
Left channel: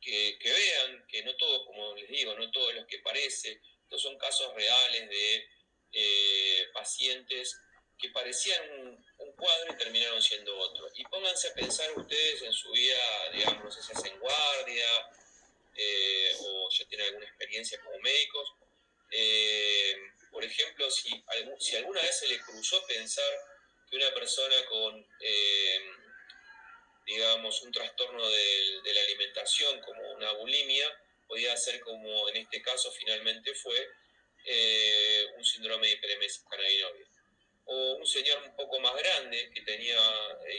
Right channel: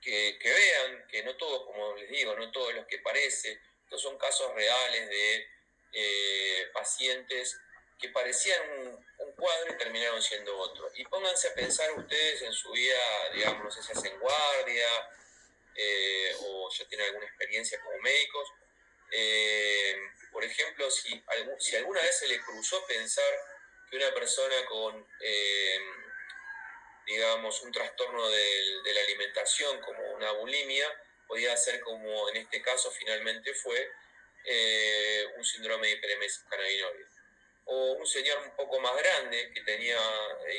que vean, que no todos, como les digo, no todos los que parece, estos son casos reales de pacientes que parecían un cuadro y terminaron siendo otro. Y pónganse a pensar ustedes en su vida, digamos, no sé si hacen guardia o ya tienen alguna experiencia como médicos. Por ejemplo, si alguna vez se le cruzó pensar que una persona con digamos, un trastorno de la alimentación como una bulimia, podía ser como en este caso finalmente fue un síndrome de hiperemesis cannabinoide. O un señor un poco más grande que tenía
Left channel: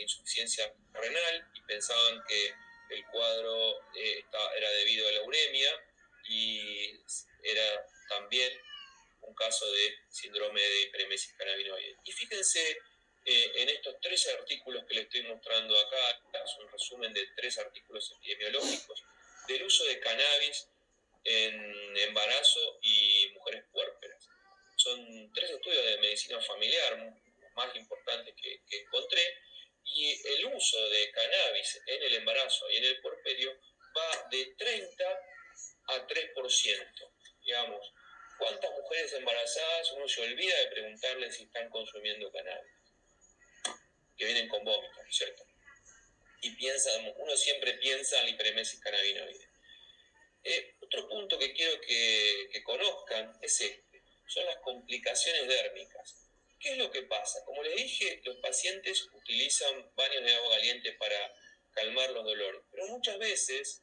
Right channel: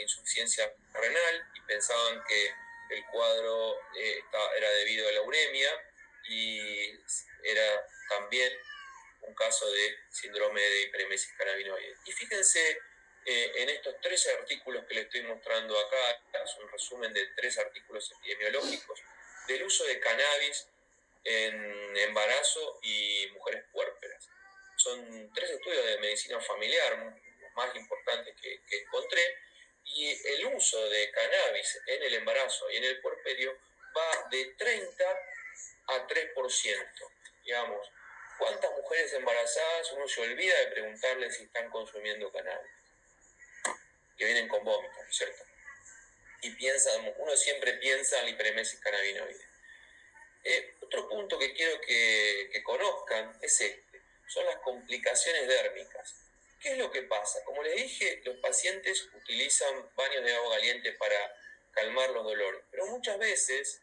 insuficiencia renal y pensaban que el cuadro era debido a la uremia y era también un caso de síndrome de hiperemesis cannabinoide. Y fíjense en estos 13 artículos que les estoy mostrando acá, es un resumen de 3 artículos epidemiológicos del uso de cannabis en embarazo y mujeres puérperas. Son 3 estudios de medicina familiar, los más importantes que encontré, y el uso de cannabis en el embarazo y en el puerperio va de 30 a 3%. Digamos, ¿cuántas mujeres embarazadas uno se olvida de preguntarles si están consumiendo cannabis? Que vienen con vómitos, ¿no es cierto? Y uno siempre piensa en la hiperemesis cannabinoide. Otro punto que quiero que conozcan es este, son las complicaciones dérmicas. ¿Qué es lo que pasa? Como les dije, los pacientes utilizan baños de agua caliente para calmar los dolores, pero muchas veces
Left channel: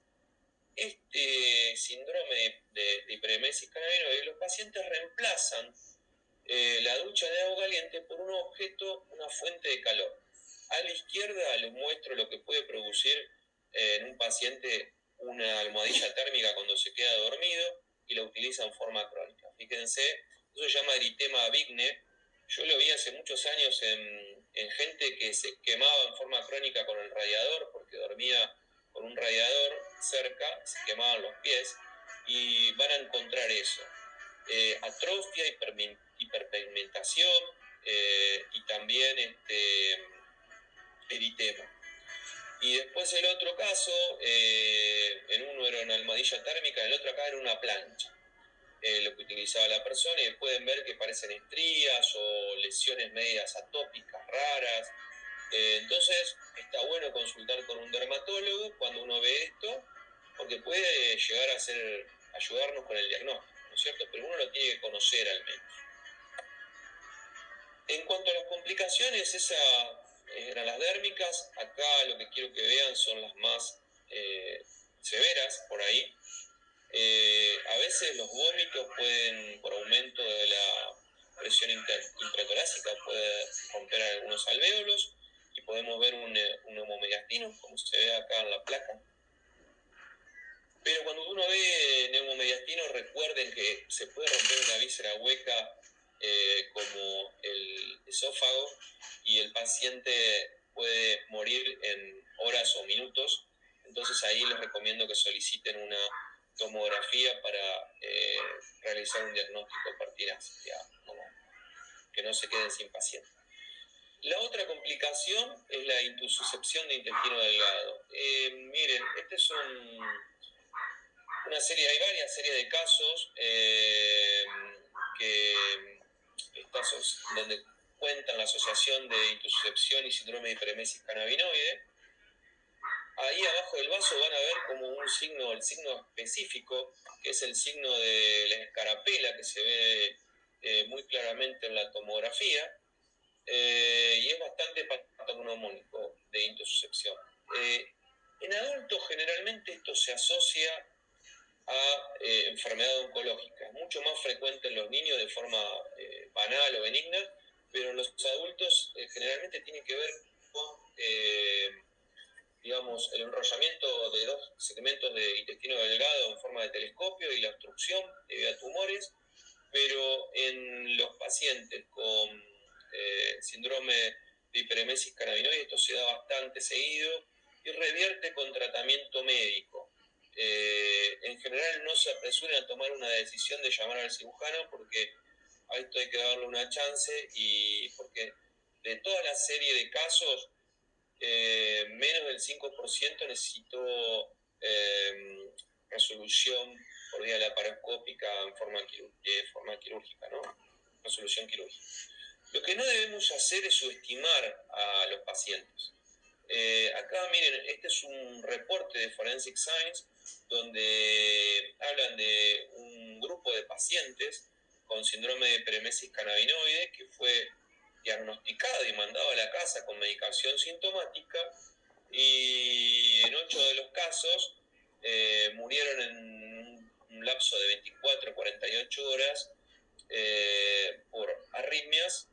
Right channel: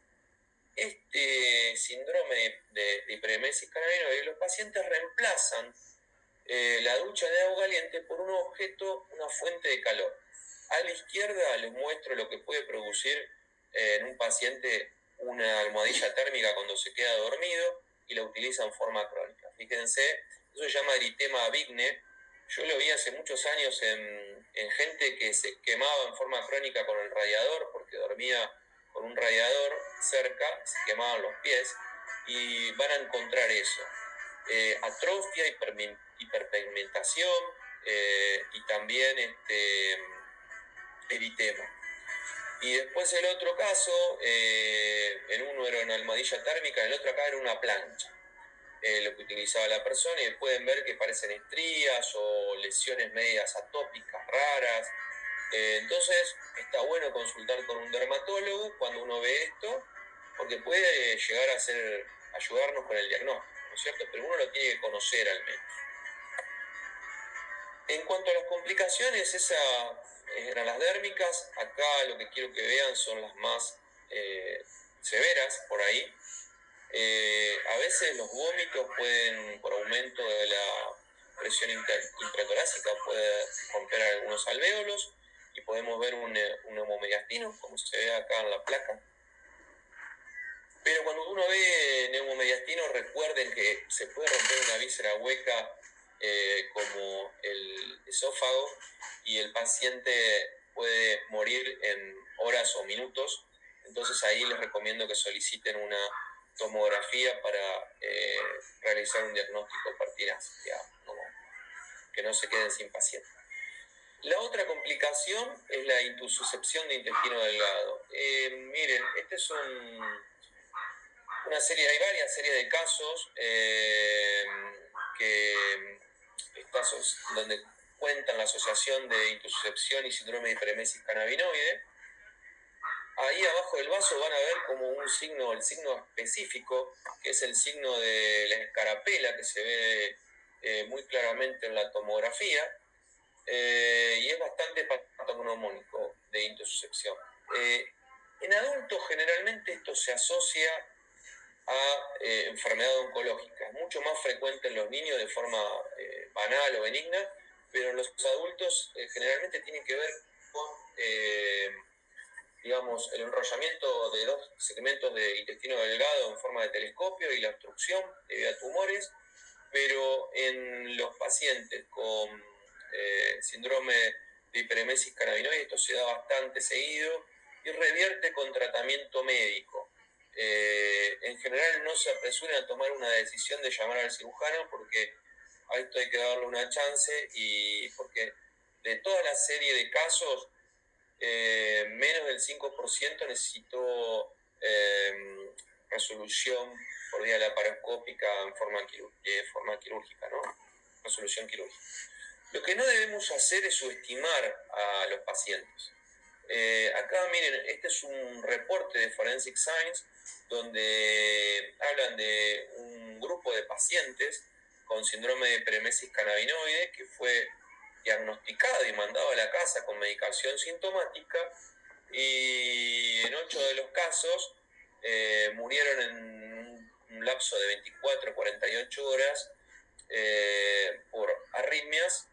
este síndrome de hiperemesis cannabinoide, los pacientes reemplazan la ducha de agua caliente por un objeto, una fuente de calor. A la izquierda les muestro lo que puede producir en un paciente una almohadilla térmica cuando se queda dormido y la utiliza en forma crónica. Fíjense, eso se llama eritema Vigne. Yo lo vi hace muchos años en gente que se quemaba en forma crónica con el radiador porque dormía con un radiador cerca, se quemaban los pies y van a encontrar eso. Atrofia, hiperpigmentación y también eritema. Y después el otro caso, en uno era una almohadilla térmica, en el otro acá era una plancha, lo que utilizaba la persona, y pueden ver que parecen estrías o lesiones medias atópicas raras. Entonces está bueno consultar con un dermatólogo cuando uno ve esto, porque puede llegar a ayudarnos con el diagnóstico, ¿no es cierto? Pero uno lo tiene que conocer al menos. En cuanto a las complicaciones, esas eran las dérmicas. Acá lo que quiero que vean son las más severas por ahí. A veces los vómitos pueden, por aumento de la presión intratorácica, puede romper algunos alvéolos y podemos ver un neumomediastino, como se ve acá en la placa. Pero cuando uno ve neumomediastino, recuerden que se puede romper una víscera hueca como el esófago y el paciente puede morir en horas o minutos. Entonces ahí les recomiendo que soliciten una tomografía para realizar un diagnóstico pertinaz, que no se queden sin paciente. La otra complicación es la intususcepción de intestino delgado. Miren, este es una serie, hay varias series de casos donde cuentan la asociación de intususcepción y síndrome de hiperemesis cannabinoide. Ahí abajo del vaso van a ver como un signo, el signo específico, que es el signo de la escarapela, que se ve muy claramente en la tomografía, y es bastante patognomónico de intususcepción. En adultos generalmente esto se asocia a enfermedad oncológica. Es mucho más frecuente en los niños de forma banal o benigna, pero en los adultos generalmente tiene que ver con digamos, el enrollamiento de dos segmentos de intestino delgado en forma de telescopio y la obstrucción debido a tumores, pero en los pacientes con síndrome de hiperemesis cannabinoide esto se da bastante seguido y revierte con tratamiento médico. En general no se apresuren a tomar una decisión de llamar al cirujano porque a esto hay que darle una chance y porque de toda la serie de casos menos del 5% necesitó resolución por vía laparoscópica en forma quirúrgica, ¿no? Resolución quirúrgica. Lo que no debemos hacer es subestimar a los pacientes. Acá miren, este es un reporte de Forensic Science donde hablan de un grupo de pacientes con síndrome de hiperemesis cannabinoide que fue diagnosticado y mandado a la casa con medicación sintomática y en 8 de los casos murieron en un lapso de 24 a 48 horas por arritmias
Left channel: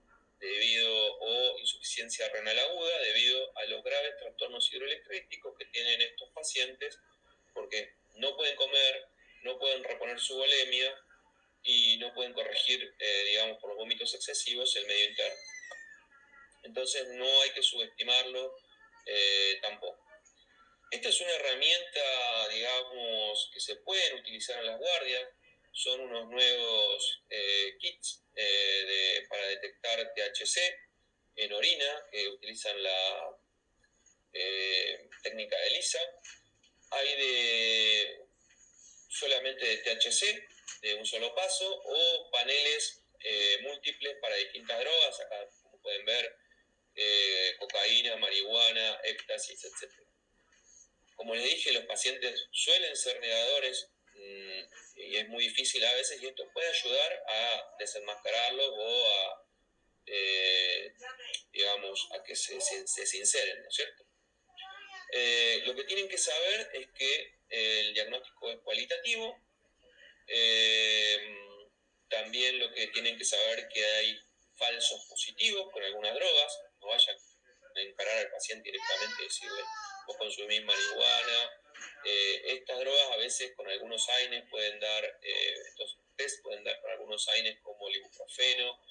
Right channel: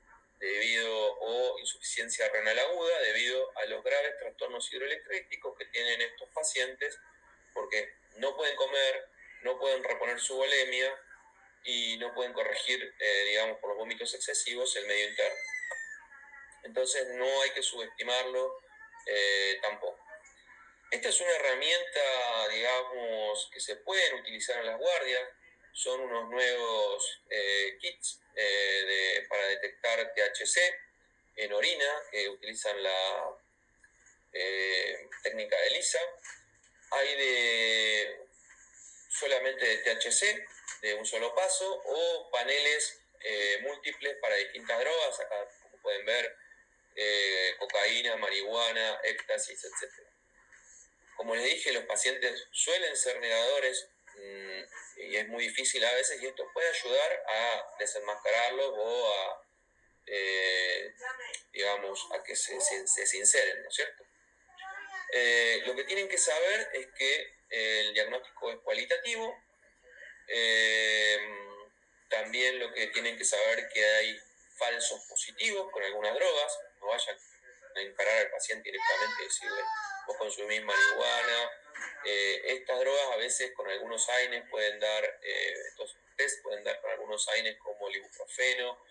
o insuficiencia renal aguda debido a los graves trastornos hidroelectríticos que tienen estos pacientes porque no pueden comer, no pueden reponer su volemia y no pueden corregir, digamos, por los vómitos excesivos el medio interno. Entonces no hay que subestimarlo tampoco. Esta es una herramienta, digamos, que se pueden utilizar en las guardias. Son unos nuevos kits para detectar THC en orina que utilizan técnica de ELISA, hay de solamente de THC, de un solo paso, o paneles múltiples para distintas drogas. Acá, como pueden ver, cocaína, marihuana, éxtasis, etc. Como les dije, los pacientes suelen ser negadores y es muy difícil a veces, y esto puede ayudar a desenmascararlos o a, digamos, a que se sinceren, ¿no es cierto? Lo que tienen que saber es que el diagnóstico es cualitativo. También lo que tienen que saber es que hay falsos positivos con algunas drogas. No vayan a encarar al paciente directamente y decirle, vos consumís marihuana. Estas drogas a veces con algunos AINES pueden dar, estos test pueden dar con algunos AINES como el ibuprofeno,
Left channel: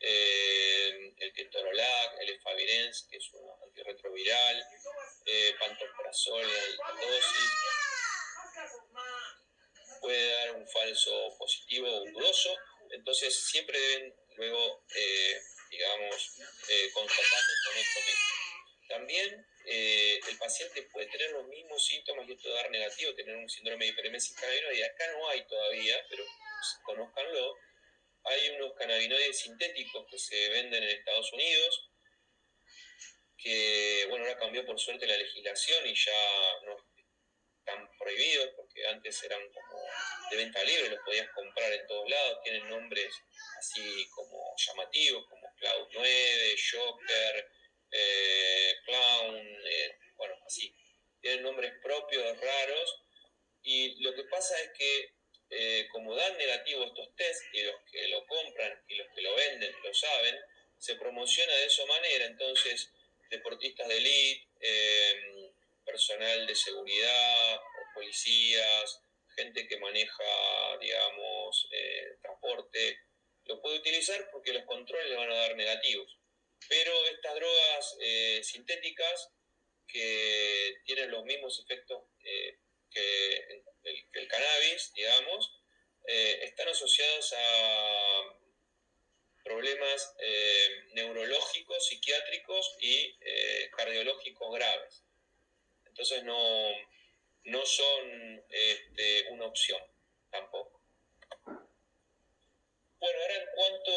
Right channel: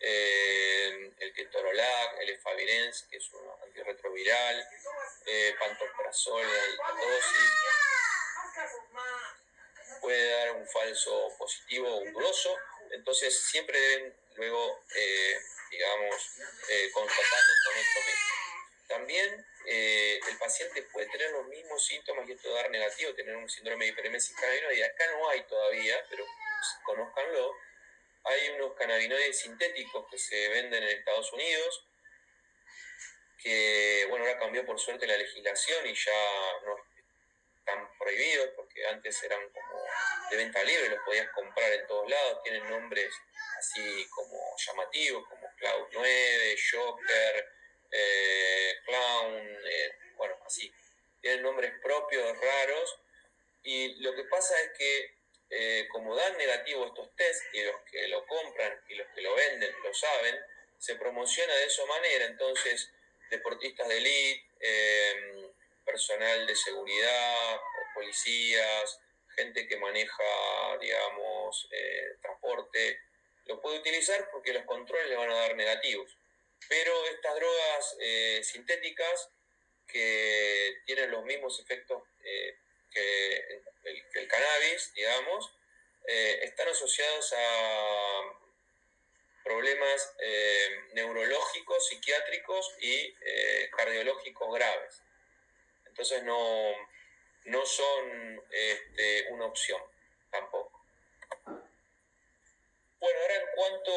el ketorolac, el efavirenz, que es un antirretroviral, pantoprazol en alta dosis. Puede dar un falso positivo o un dudoso, entonces siempre deben luego, digamos, constatando con otro médico. También el paciente puede tener los mismos síntomas y esto dar negativo, tener un síndrome de hiperemesis cannabinoide. Acá no hay todavía, pero conózcanlo. Hay unos cannabinoides sintéticos que se venden en Estados Unidos, que, bueno, ahora cambió por suerte la legislación y ya no están prohibidos, porque antes eran como de venta libre, los podías comprar en todos lados, tienen nombres así como llamativos, como Cloud 9, Joker, Clown, bueno, así. Tienen nombres propios, raros, y lo que pasa es que como dan negativo estos test, y los que lo compran y los que lo venden lo saben, se promociona de esa manera. Entonces, deportistas de élite, personal de seguridad, policías, gente que maneja, digamos, transporte, lo puede utilizar porque los controles le van a dar negativos. Pero estas drogas sintéticas que tienen los mismos efectos que el cannabis, digamos, están asociados a problemas neurológicos, psiquiátricos y cardiológicos graves. Entonces no son una opción tampoco. Bueno, ahora en cuanto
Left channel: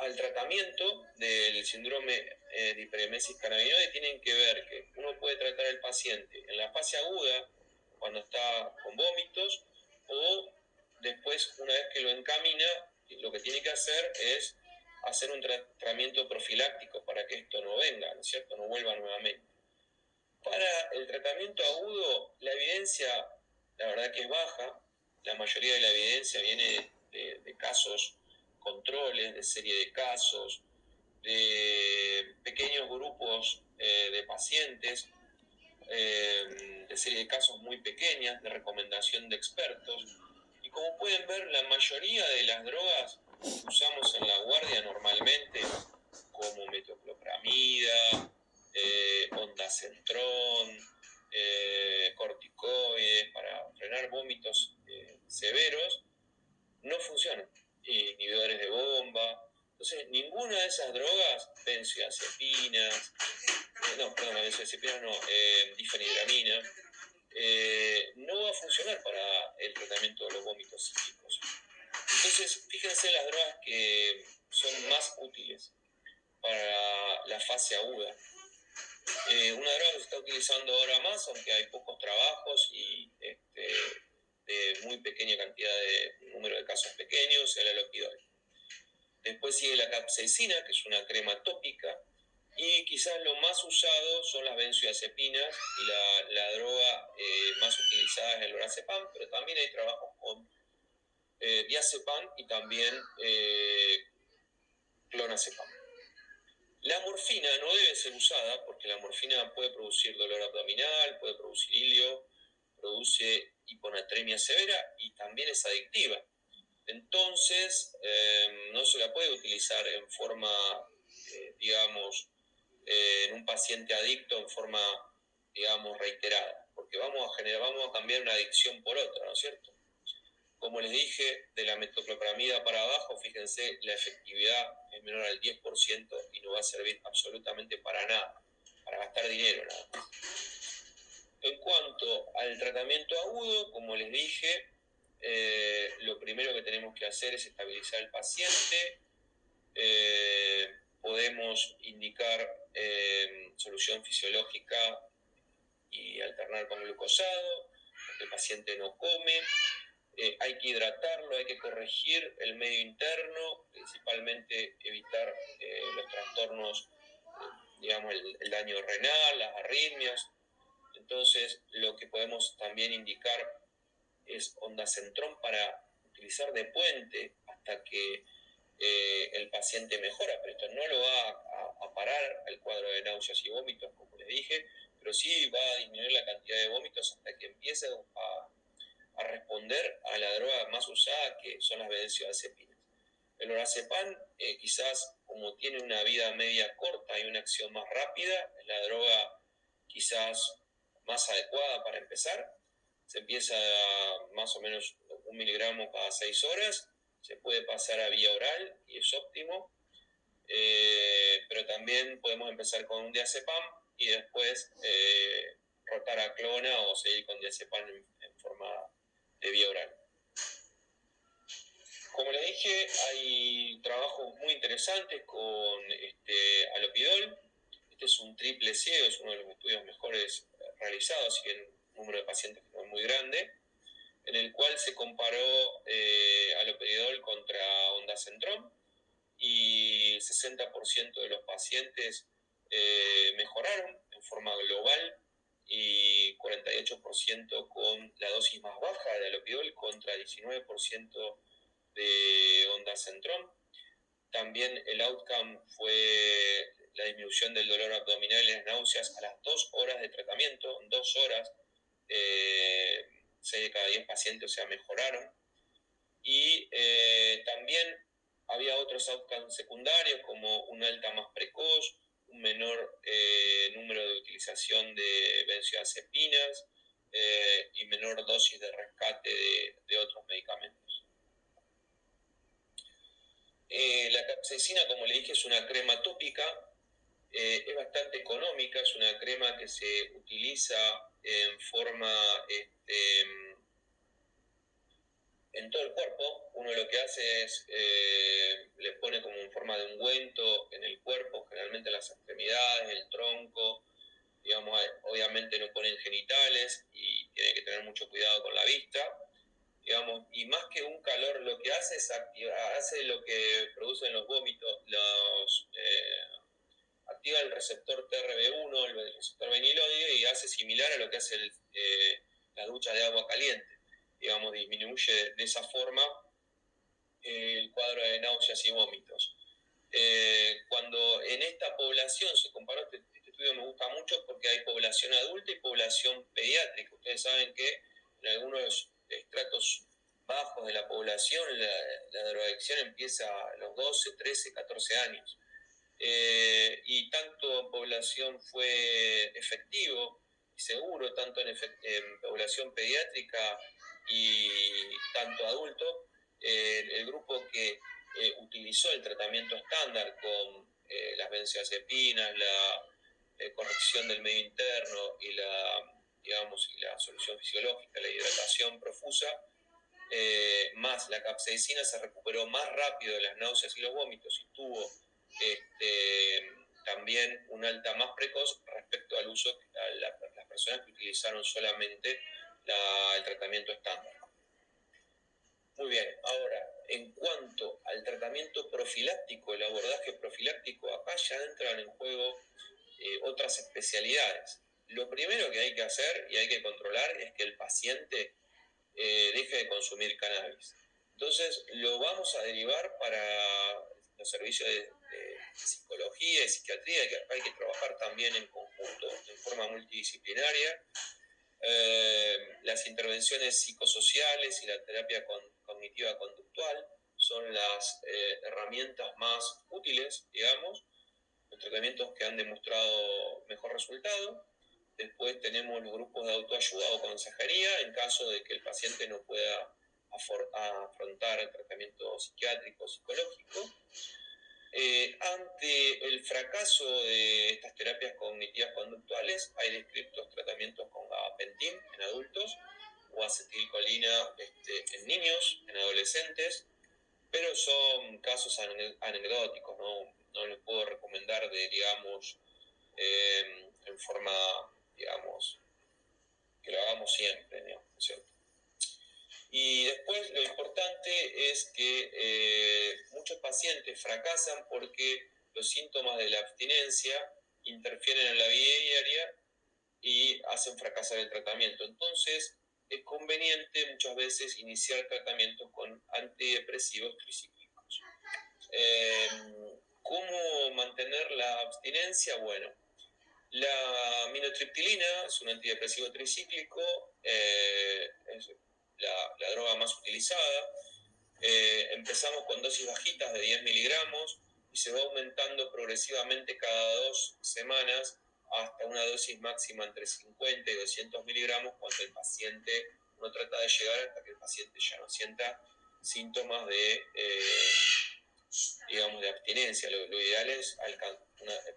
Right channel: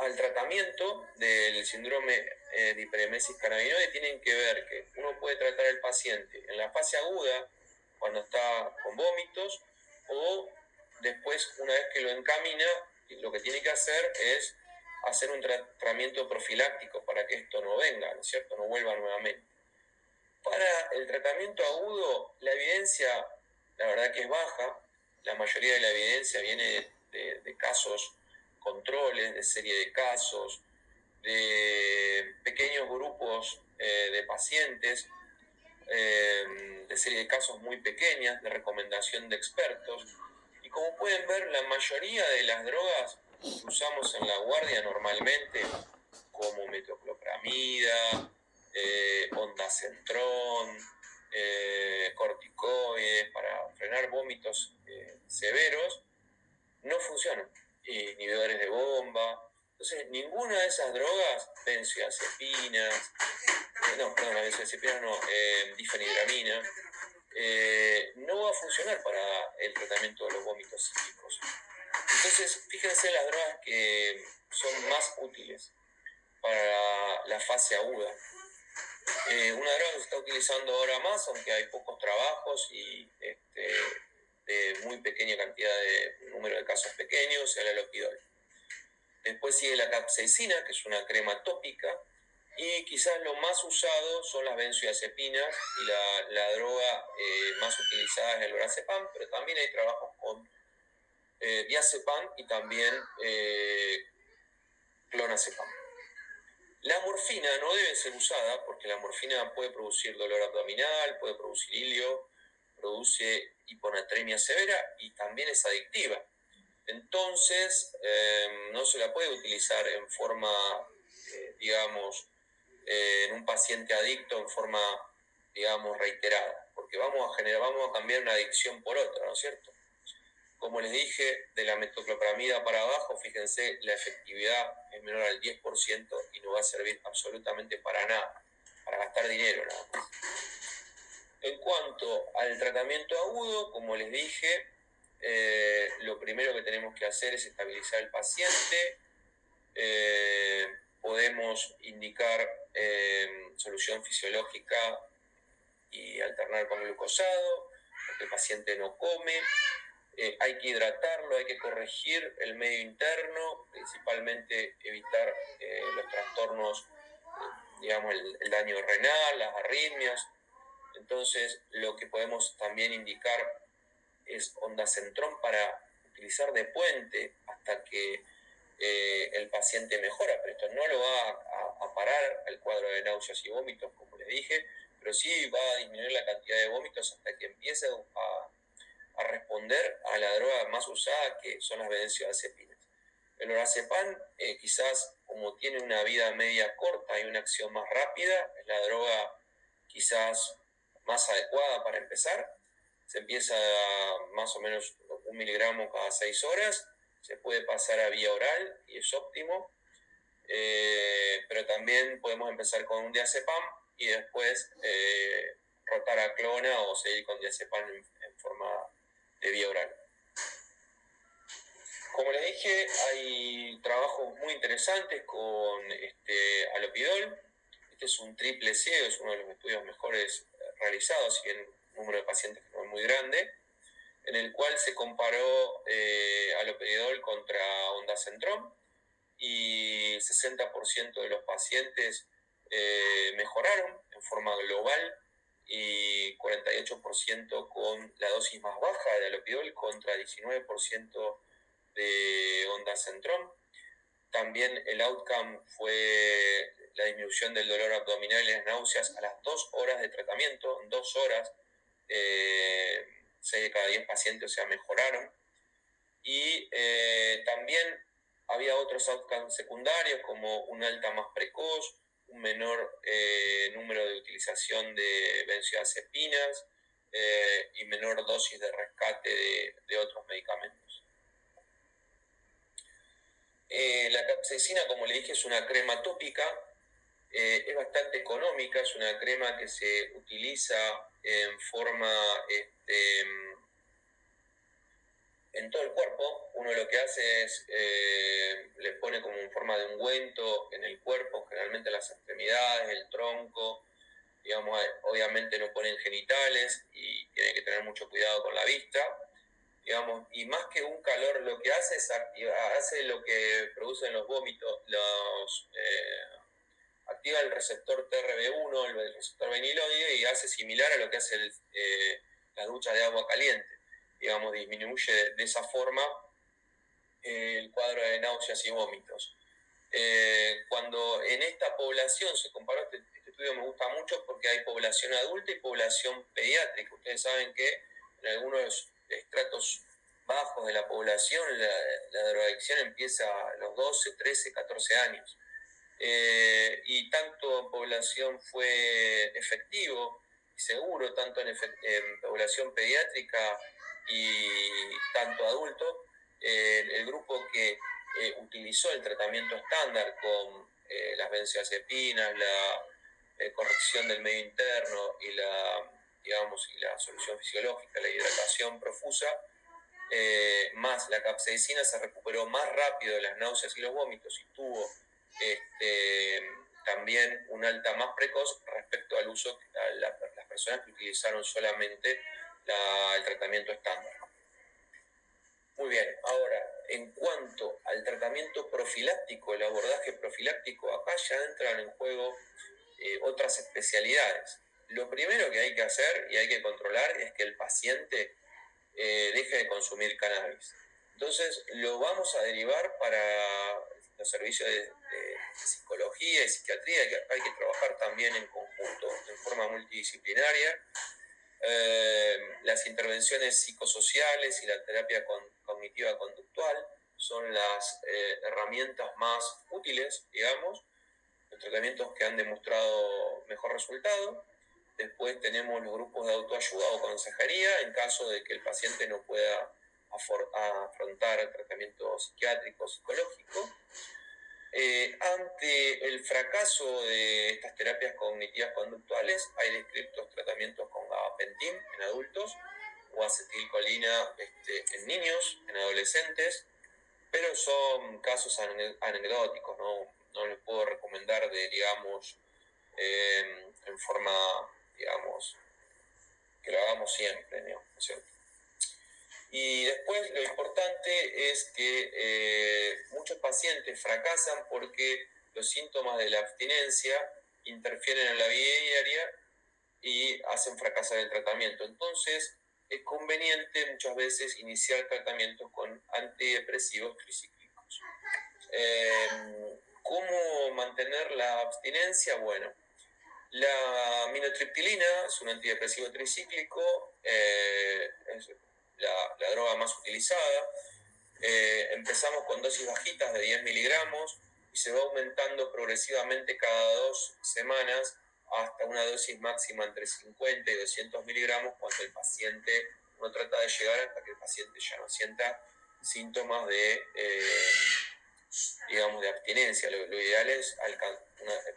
al tratamiento del síndrome de hiperemesis cannabinoide, tienen que ver que uno puede tratar al paciente en la fase aguda, cuando está con vómitos, o después, una vez que lo encamina, lo que tiene que hacer es hacer un tratamiento profiláctico para que esto no venga, ¿no es cierto?, no vuelva nuevamente. Para el tratamiento agudo, la evidencia, la verdad que es baja. La mayoría de la evidencia viene de casos, controles, de serie de casos, de pequeños grupos de pacientes, de serie de casos muy pequeñas, de recomendación de expertos. Y como pueden ver, la mayoría de las drogas que usamos en la guardia normalmente, como metoclopramida, ondansetron, corticoides para frenar vómitos severos, no funcionan. Inhibidores de bomba. Entonces, ninguna de esas drogas, benzodiazepinas, difenhidramina, no va a funcionar para el tratamiento de los vómitos psíquicos. Entonces, fíjense las drogas que son más útiles para la fase aguda. Una droga que se está utilizando ahora más, aunque hay pocos trabajos y de muy pequeña cantidad de número de casos pequeños, es el aloperidol. Después sigue la capsaicina, que es una crema tópica, y quizás lo más usado son las benzodiazepinas, y la droga más utilizada es el lorazepam, pero también hay trabajos con diazepam y también clonazepam. La morfina no debe ser usada porque la morfina puede producir dolor abdominal, puede producir ilio, produce hiponatremia severa y también es adictiva. Entonces, no se la puede utilizar en forma, digamos, en un paciente adicto en forma, digamos, reiterada, porque vamos a cambiar una adicción por otra, ¿no es cierto? Como les dije, de la metoclopramida para abajo, fíjense, la efectividad es menor al 10% y no va a servir absolutamente para para gastar dinero nada más. En cuanto al tratamiento agudo, como les dije, lo primero que tenemos que hacer es estabilizar al paciente. Podemos indicar solución fisiológica y alternar con glucosado, porque el paciente no come. Hay que hidratarlo, hay que corregir el medio interno, principalmente evitar los trastornos, digamos, el daño renal, las arritmias. Entonces, lo que podemos también indicar es ondansetron para utilizar de puente hasta que el paciente mejora, pero esto no lo va a parar el cuadro de náuseas y vómitos, como les dije, pero sí va a disminuir la cantidad de vómitos hasta que empiece a responder a la droga más usada, que son las benzodiazepinas. El lorazepam, quizás como tiene una vida media corta y una acción más rápida, es la droga quizás más adecuada para empezar. Se empieza más o menos 1 miligramo cada 6 horas, se puede pasar a vía oral y es óptimo, pero también podemos empezar con un diazepam y después rotar a clona o seguir con diazepam en forma de vía oral. Como les dije, hay trabajos muy interesantes con alopidol. Este es un triple ciego, es uno de los estudios mejores realizados, y el número de pacientes no es muy grande, en el cual se comparó alopidol contra ondansetron y 60% de los pacientes mejoraron en forma global y 48% con la dosis más baja de alopidol contra 19% de ondansetron. También el outcome fue la disminución del dolor abdominal y las náuseas a las 2 horas de tratamiento. En 2 horas, 6 de cada 10 pacientes, o sea, mejoraron. Y también había otros outcomes secundarios, como una alta más precoz, un menor número de utilización de benzodiazepinas y menor dosis de rescate de otros medicamentos. La capsaicina, como le dije, es una crema tópica, es bastante económica, es una crema que se utiliza en forma en todo el cuerpo. Uno lo que hace es le pone como en forma de ungüento en el cuerpo, generalmente en las extremidades, el tronco, digamos, obviamente no ponen genitales y tiene que tener mucho cuidado con la vista, digamos, y más que un calor lo que hace es hace lo que producen los vómitos, activa el receptor TRB1, el receptor veniloide, y hace similar a lo que hace la ducha de agua caliente. Digamos, disminuye de esa forma el cuadro de náuseas y vómitos. Cuando en esta población se comparó, este estudio me gusta mucho porque hay población adulta y población pediátrica. Ustedes saben que en algunos estratos bajos de la población la drogadicción empieza a los 12, 13, 14 años. Y tanto en población fue efectivo y seguro, tanto en población pediátrica y tanto adulto, el grupo que utilizó el tratamiento estándar con las benzodiazepinas, la corrección del medio interno y la solución fisiológica, la hidratación profusa, más la capsaicina, se recuperó más rápido de las náuseas y los vómitos y tuvo también un alta más precoz respecto al uso a las personas que utilizaron solamente el tratamiento estándar. Muy bien, ahora, en cuanto al tratamiento profiláctico, el abordaje profiláctico, acá ya entran en juego otras especialidades. Lo primero que hay que hacer y hay que controlar es que el paciente deje de consumir cannabis. Entonces, lo vamos a derivar para los servicios de psicología y psiquiatría, que hay que trabajar también en conjunto, en forma multidisciplinaria. Las intervenciones psicosociales y la terapia cognitiva conductual son las herramientas más útiles, digamos, los tratamientos que han demostrado mejor resultado. Después tenemos los grupos de autoayuda o consejería en caso de que el paciente no pueda afrontar el tratamiento psiquiátrico o psicológico. ante el fracaso de estas terapias cognitivas conductuales, hay descritos tratamientos con gabapentin en adultos o acetilcolina en niños, en adolescentes, pero son casos anecdóticos, no les puedo recomendar digamos, en forma, digamos, que lo hagamos siempre, ¿no es cierto? Y después lo importante es que muchos pacientes fracasan porque los síntomas de la abstinencia interfieren en la vida diaria y hacen fracasar el tratamiento. Entonces es conveniente muchas veces iniciar tratamientos con antidepresivos tricíclicos. ¿Cómo mantener la abstinencia? Bueno, la aminotriptilina es un antidepresivo tricíclico, es la droga más utilizada. Empezamos con dosis bajitas de 10 miligramos y se va aumentando progresivamente cada 2 semanas hasta una dosis máxima entre 50 y 200 miligramos cuando el paciente, uno trata de llegar hasta que el paciente ya no sienta síntomas digamos, de abstinencia. Lo ideal es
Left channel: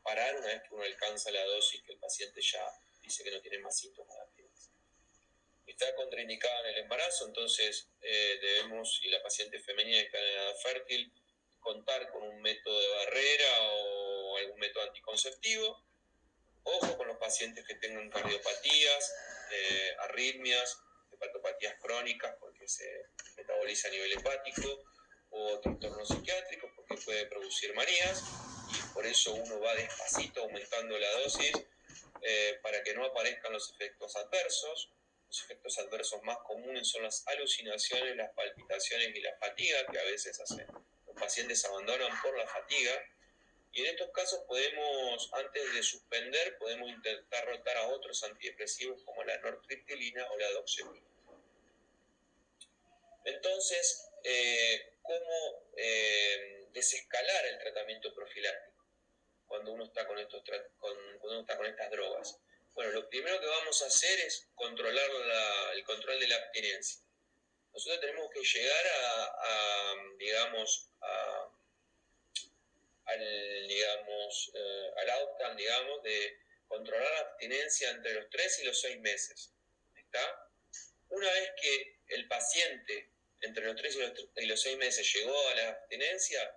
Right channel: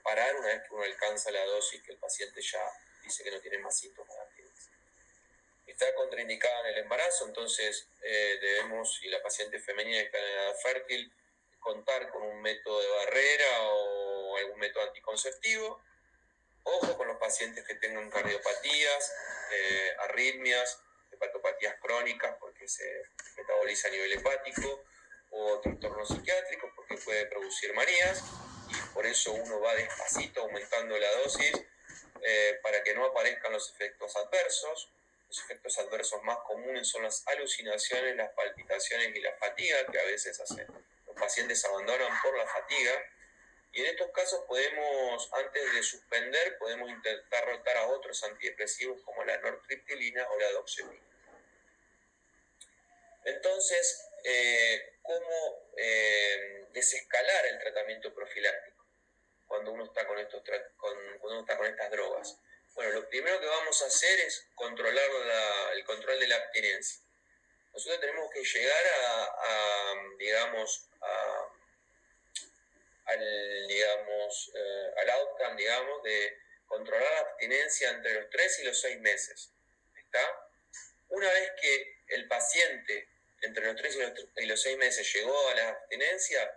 parar una vez que uno alcanza la dosis que el paciente ya dice que no tiene más síntomas de abstinencia. Está contraindicada en el embarazo, entonces debemos, y la paciente femenina que está en edad fértil, contar con un método de barrera o algún método anticonceptivo. Ojo con los pacientes que tengan cardiopatías, arritmias, hepatopatías crónicas porque se metaboliza a nivel hepático, o trastornos psiquiátricos porque puede producir manías, y por eso uno va despacito aumentando la dosis para que no aparezcan los efectos adversos. Los efectos adversos más comunes son las alucinaciones, las palpitaciones y la fatiga, que a veces los pacientes abandonan por la fatiga. Y en estos casos podemos, antes de suspender, podemos intentar rotar a otros antidepresivos como la nortriptilina o la doxepina. Entonces, ¿cómo desescalar el tratamiento profiláctico cuando uno está con estas drogas? Bueno, lo primero que vamos a hacer es controlar el control de la abstinencia. Nosotros tenemos que llegar al outcome, digamos, de controlar la abstinencia entre los 3 y los 6 meses. ¿Está? Una vez que el paciente entre los 3 y los 6 meses llegó a la abstinencia,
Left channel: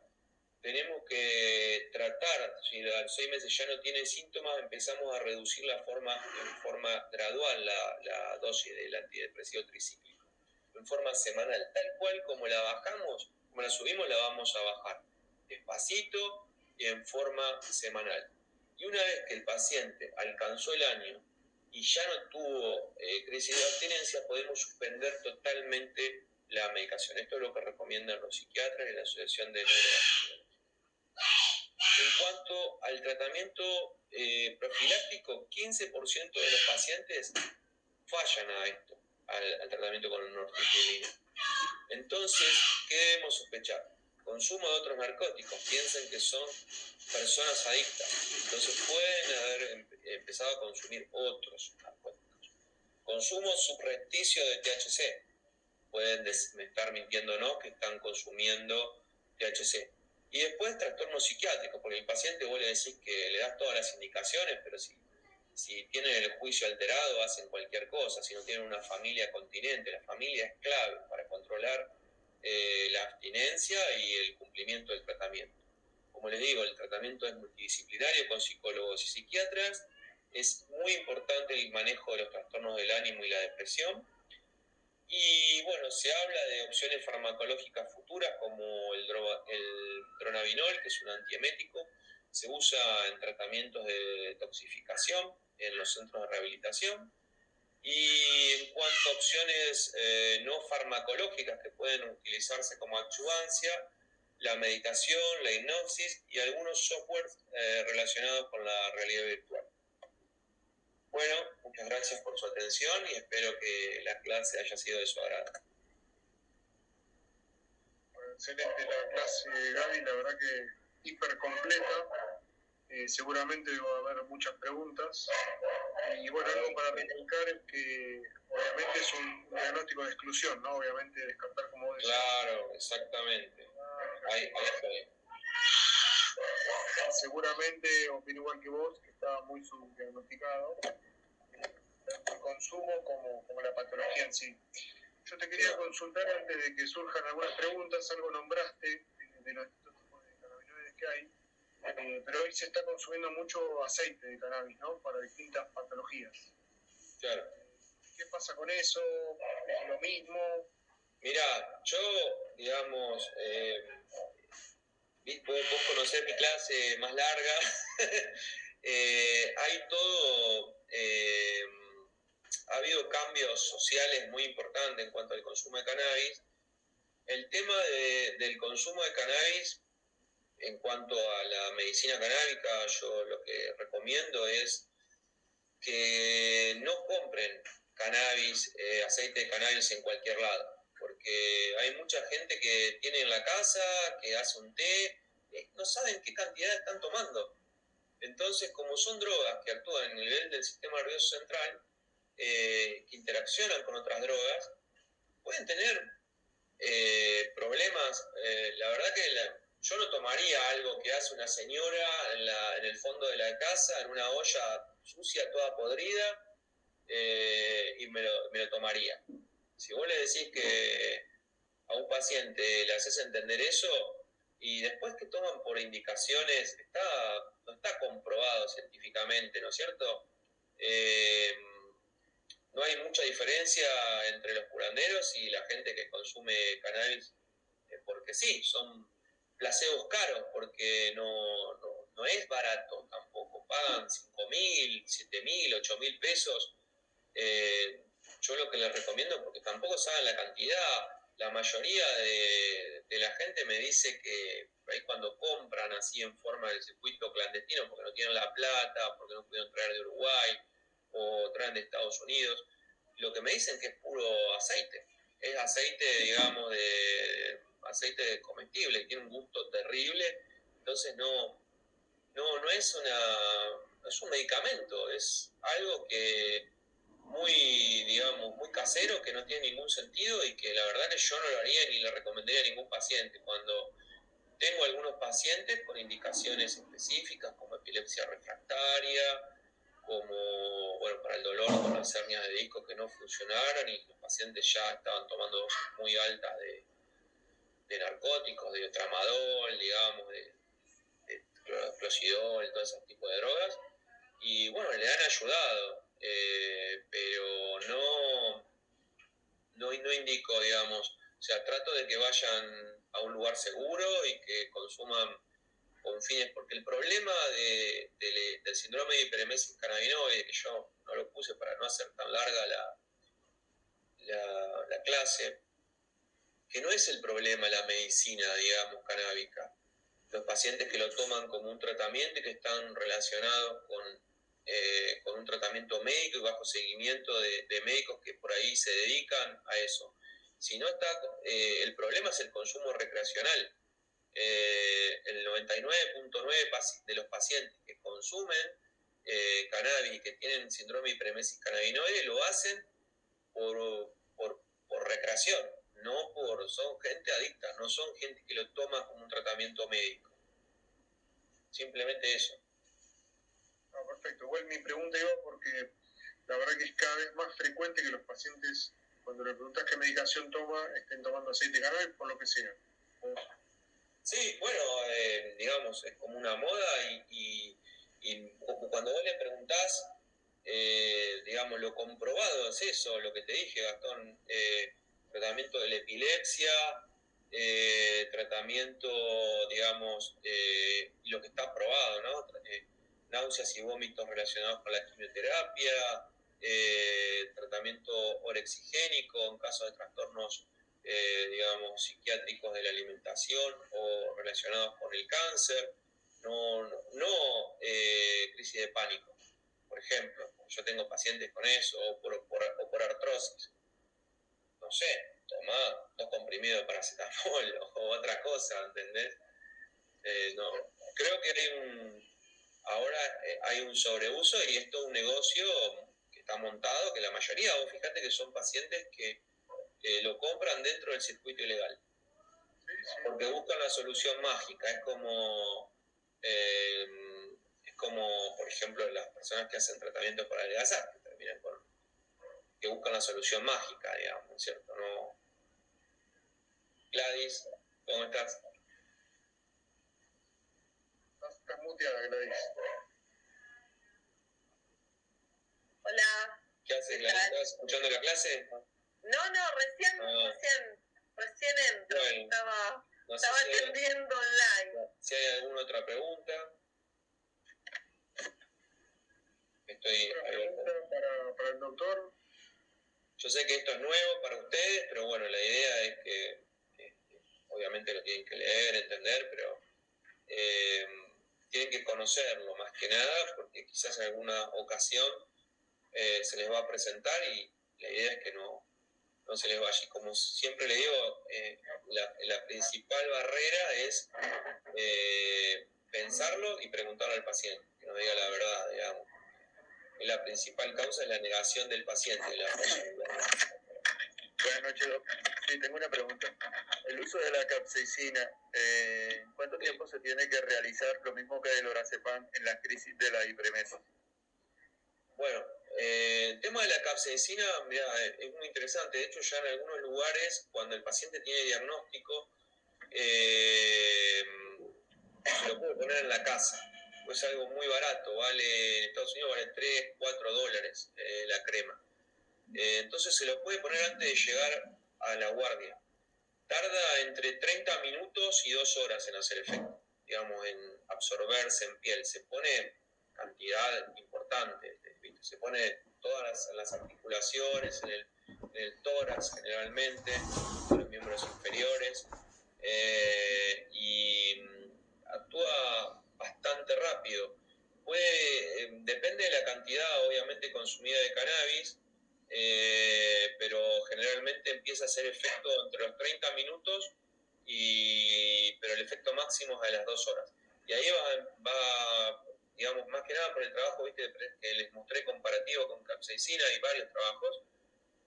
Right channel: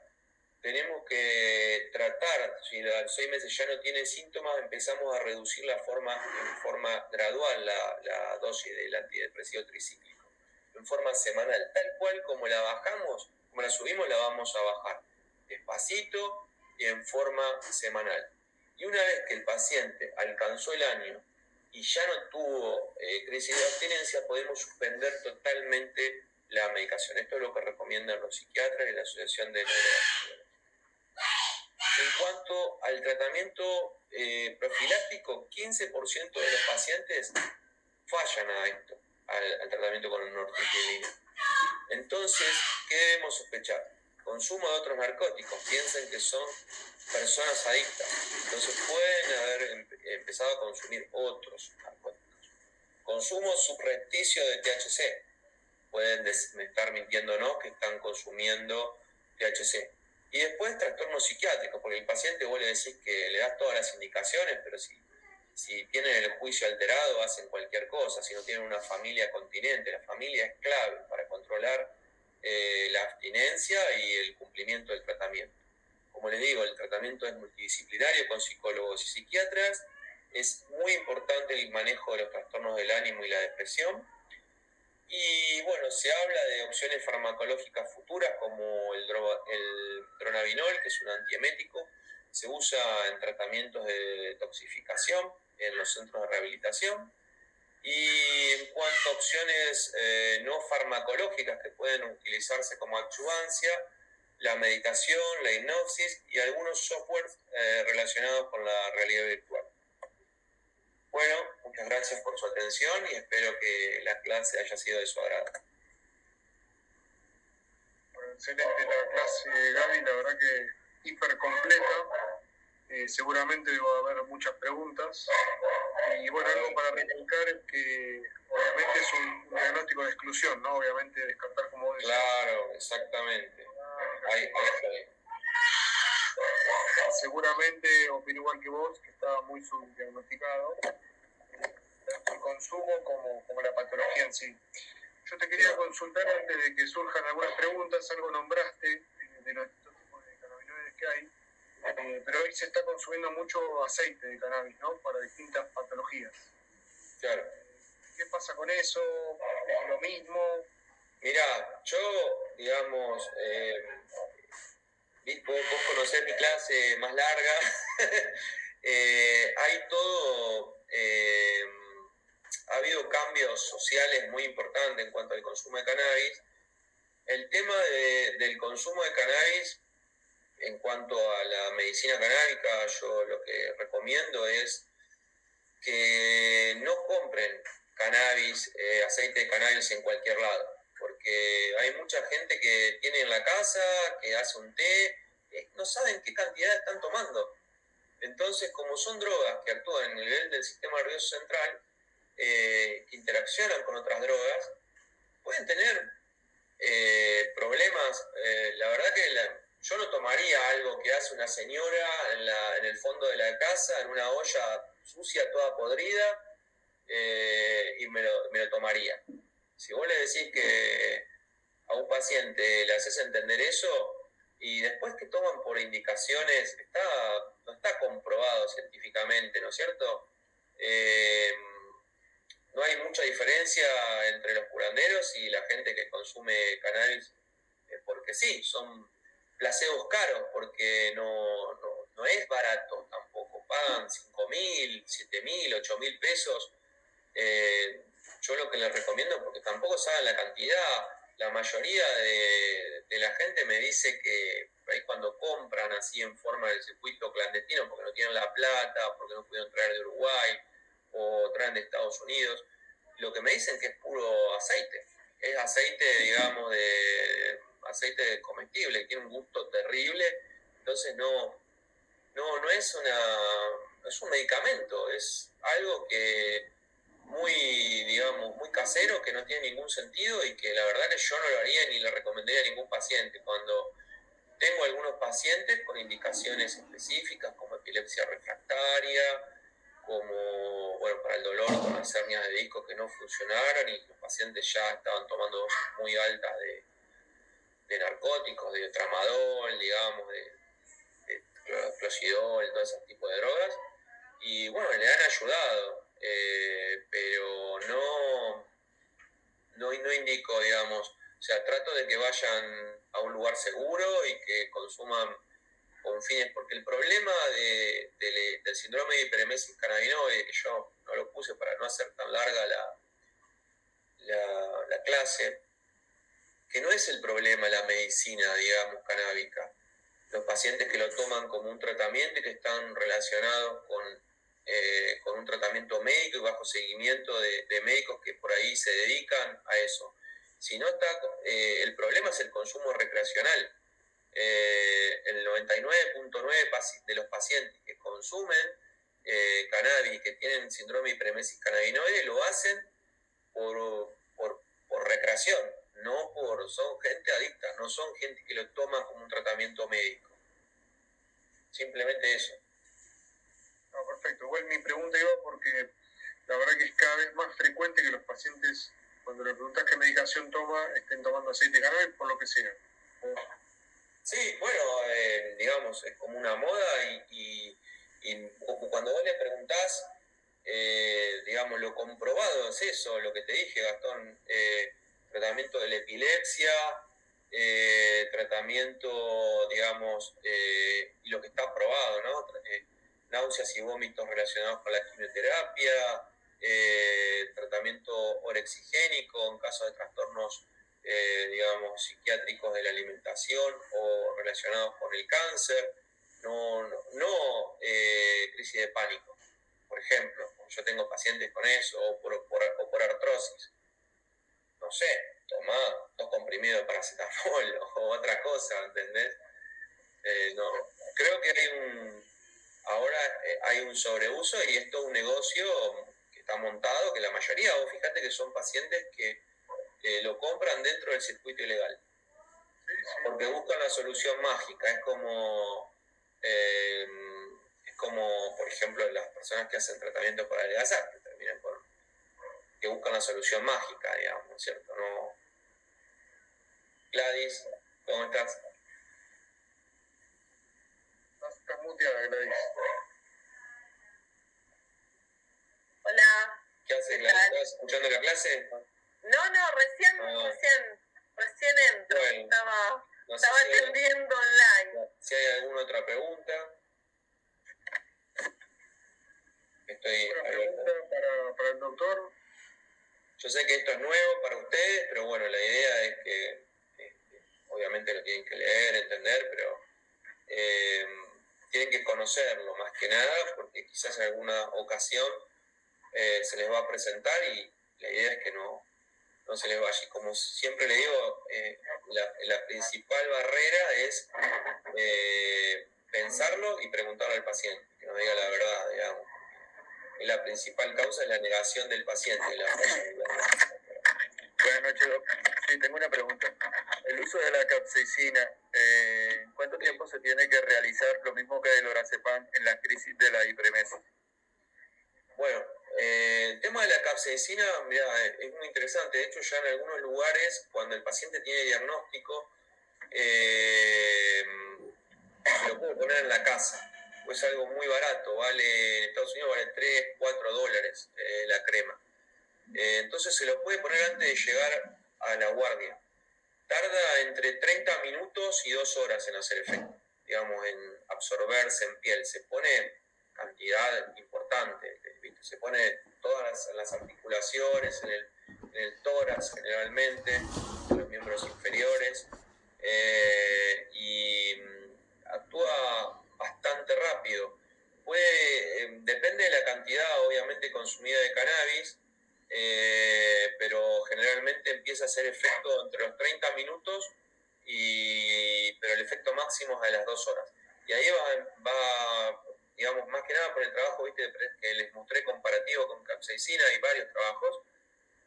tenemos que tratar, si a los 6 meses ya no tiene síntomas, empezamos a reducir en forma gradual la dosis del antidepresivo tricíclico, en forma semanal, tal cual como la bajamos, como la subimos, la vamos a bajar, despacito y en forma semanal. Y una vez que el paciente alcanzó el año y ya no tuvo crisis de abstinencia, podemos suspender totalmente la medicación. Esto es lo que recomiendan los psiquiatras y la Asociación de Neurogastroenterología. En cuanto al tratamiento profiláctico, 15% de los pacientes fallan a esto, al tratamiento con nortriptilina. Entonces, ¿qué debemos sospechar? Consumo de otros narcóticos. Piensen que son personas adictas. Entonces pueden haber empezado a consumir otros narcóticos. Consumo subrepticio de THC. Pueden estar mintiéndonos que están consumiendo THC. Y después trastornos psiquiátricos, porque el paciente vos le decís que le das todas las indicaciones, pero si tienen el juicio alterado hacen cualquier cosa, si no tienen una familia continente. La familia es clave para controlar la abstinencia y el cumplimiento del tratamiento. Como les digo, el tratamiento es multidisciplinario con psicólogos y psiquiatras. Es muy importante el manejo de los trastornos del ánimo y la depresión. Y bueno, se habla de opciones farmacológicas futuras como el dronabinol, que es un antiemético. Se usa en tratamientos de detoxificación en los centros de rehabilitación. Y en cuanto a opciones no farmacológicas que pueden utilizarse como adyuvancia, la meditación, la hipnosis y algunos softwares relacionados con la realidad virtual. Bueno, muchas gracias por su atención y espero que la clase haya sido de su agrado. Bueno, excelente la clase, Gaby, la verdad que hiper completa. Seguramente va a haber muchas preguntas. Y bueno, algo para recalcar es que obviamente es un diagnóstico de exclusión, ¿no? Obviamente descartar como... Claro, exactamente. Ahí está bien. seguramente opino igual que vos, que está muy subdiagnosticado, tanto el consumo como la patología en sí. Yo te quería consultar antes de que surjan algunas preguntas, algo nombraste de los distintos tipos de cannabinoides que hay, pero hoy se está consumiendo mucho aceite de cannabis, ¿no? Para distintas patologías. Claro. ¿Qué pasa con eso? ¿Es lo mismo? Mirá, yo, digamos, vos conocés mi clase más larga, hay todo, ha habido cambios sociales muy importantes en cuanto al consumo de cannabis. El tema del consumo de cannabis, en cuanto a la medicina canábica, yo lo que recomiendo es que no compren cannabis, aceite de cannabis en cualquier lado, porque hay mucha gente que tiene en la casa, que hace un té, no saben qué cantidad están tomando. Entonces, como son drogas que actúan en el nivel del sistema nervioso central, que interaccionan con otras drogas, pueden tener problemas. La verdad que yo no tomaría algo que hace una señora en el fondo de la casa, en una olla sucia, toda podrida, y me lo tomaría. Si vos le decís que a un paciente le haces entender eso, y después que toman por indicaciones, no está comprobado científicamente, ¿no es cierto? No hay mucha diferencia entre los curanderos y la gente que consume cannabis, porque sí, son placebos caros, porque no es barato tampoco, pagan 5.000, 7.000, 8.000 pesos. Yo lo que les recomiendo, porque tampoco saben la cantidad, la mayoría de la gente me dice que ahí cuando compran así en forma del circuito clandestino, porque no tienen la plata, porque no pudieron traer de Uruguay o traen de Estados Unidos, lo que me dicen que es puro aceite. Es aceite, digamos, de aceite comestible, tiene un gusto terrible, entonces no es es un medicamento, es algo que muy casero, que no tiene ningún sentido y que la verdad que yo no lo haría ni le recomendaría a ningún paciente. Cuando tengo algunos pacientes con indicaciones específicas como epilepsia refractaria, como, bueno, para el dolor con las hernias de disco que no funcionaron y los pacientes ya estaban tomando dosis muy altas de narcóticos, de tramadol, digamos, de closidol, todo ese tipo de drogas, y bueno, le han ayudado, pero no indico, digamos, o sea, trato de que vayan a un lugar seguro y que consuman con fines, porque el problema del síndrome de hiperemesis cannabinoide, que yo no lo puse para no hacer tan larga la clase, que no es el problema la medicina, digamos, canábica. Los pacientes que lo toman como un tratamiento y que están relacionados con un tratamiento médico y bajo seguimiento de médicos que por ahí se dedican a eso. Si no está, el problema es el consumo recreacional. El 99.9% de los pacientes que consumen cannabis y que tienen síndrome de hiperemesis cannabinoide lo hacen por recreación, son gente adicta, no son gente que lo toma como un tratamiento médico. Simplemente eso. No, perfecto. Igual mi pregunta iba porque la verdad que es cada vez más frecuente que los pacientes, cuando le preguntas qué medicación toma, estén tomando aceite de cannabis por lo que sea. Sí, bueno, digamos, es como una moda y cuando vos le preguntás, digamos, lo comprobado es eso, lo que te dije, Gastón, tratamiento de la epilepsia, tratamiento, digamos, y lo que está probado, ¿no? Náuseas y vómitos relacionados con la quimioterapia, tratamiento orexigénico en caso de trastornos digamos, psiquiátricos de la alimentación o relacionados con el cáncer, no crisis de pánico, por ejemplo. Yo tengo pacientes con eso, o por artrosis. No sé, toma 2 comprimidos de paracetamol o otra cosa, ¿entendés? No, creo que ahora hay un sobreuso y esto es un negocio que está montado, que la mayoría, vos fíjate que son pacientes que lo compran dentro del circuito ilegal, porque buscan la solución mágica. Es como Eh, es como, por ejemplo, las personas que hacen tratamiento para adelgazar, que terminan que buscan la solución mágica, digamos, ¿cierto? No. Gladys, ¿cómo estás? Estás muteada, Gladys. Hola. ¿Qué haces, Gladys? ¿Estás escuchando la clase? No, recién entro. Bueno, estaba atendiendo online. Si hay alguna otra pregunta. Estoy ¿Una pregunta para el doctor? Yo sé que esto es nuevo para ustedes, pero bueno, la idea es que obviamente lo tienen que leer, entender, pero tienen que conocerlo más que nada, porque quizás en alguna ocasión se les va a presentar y la idea es que no se les vaya. Y como siempre le digo, la principal barrera es pensarlo y preguntarle al paciente, que nos diga la verdad, digamos. La principal causa es la negación del paciente. Buenas noches, Doc. Sí, tengo una pregunta. El uso de la capsaicina, ¿cuánto tiempo se tiene que realizar lo mismo que el lorazepam en la crisis de la hipremesis? Bueno, el tema de la capsaicina, mira, es muy interesante. De hecho, ya en algunos lugares, cuando el paciente tiene diagnóstico, se lo puede poner en la casa. Pues es algo muy barato, en Estados Unidos vale 3, 4 dólares la crema. Entonces se lo puede poner antes de llegar a la guardia. Tarda entre 30 minutos y 2 horas en hacer efecto, digamos, en absorberse en piel. Se pone cantidad importante, ¿viste? Se pone todas las articulaciones, en el tórax generalmente, en los miembros inferiores, y actúa bastante rápido. Depende de la cantidad, obviamente, consumida de cannabis, pero generalmente empieza a hacer efecto entre los 30 minutos, pero el efecto máximo es a las 2 horas. Y ahí va, digamos, más que nada por el trabajo, ¿viste?, que les mostré comparativo con capsaicina y varios trabajos,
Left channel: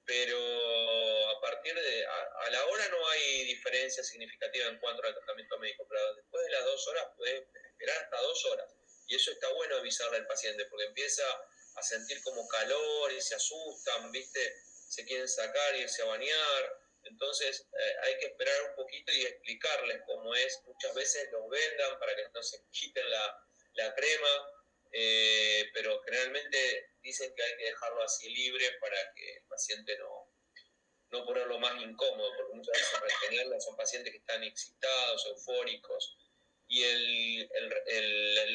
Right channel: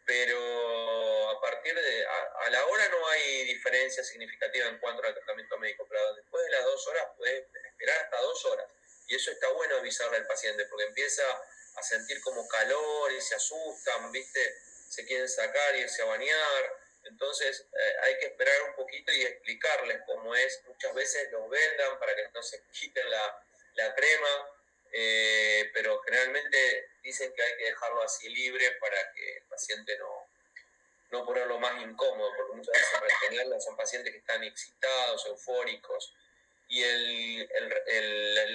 pero a partir a la hora no hay diferencia significativa en cuanto al tratamiento médico, pero después de las 2 horas puedes esperar hasta 2 horas. Y eso está bueno avisarle al paciente, porque empieza a sentir como calor y se asustan, ¿viste? Se quieren sacar, irse a bañar. Entonces hay que esperar un poquito y explicarles cómo es. Muchas veces los vendan para que no se quiten la crema, pero generalmente dicen que hay que dejarlo así libre para que el paciente no ponerlo más incómodo, porque muchas veces en general son pacientes que están excitados, eufóricos. Y el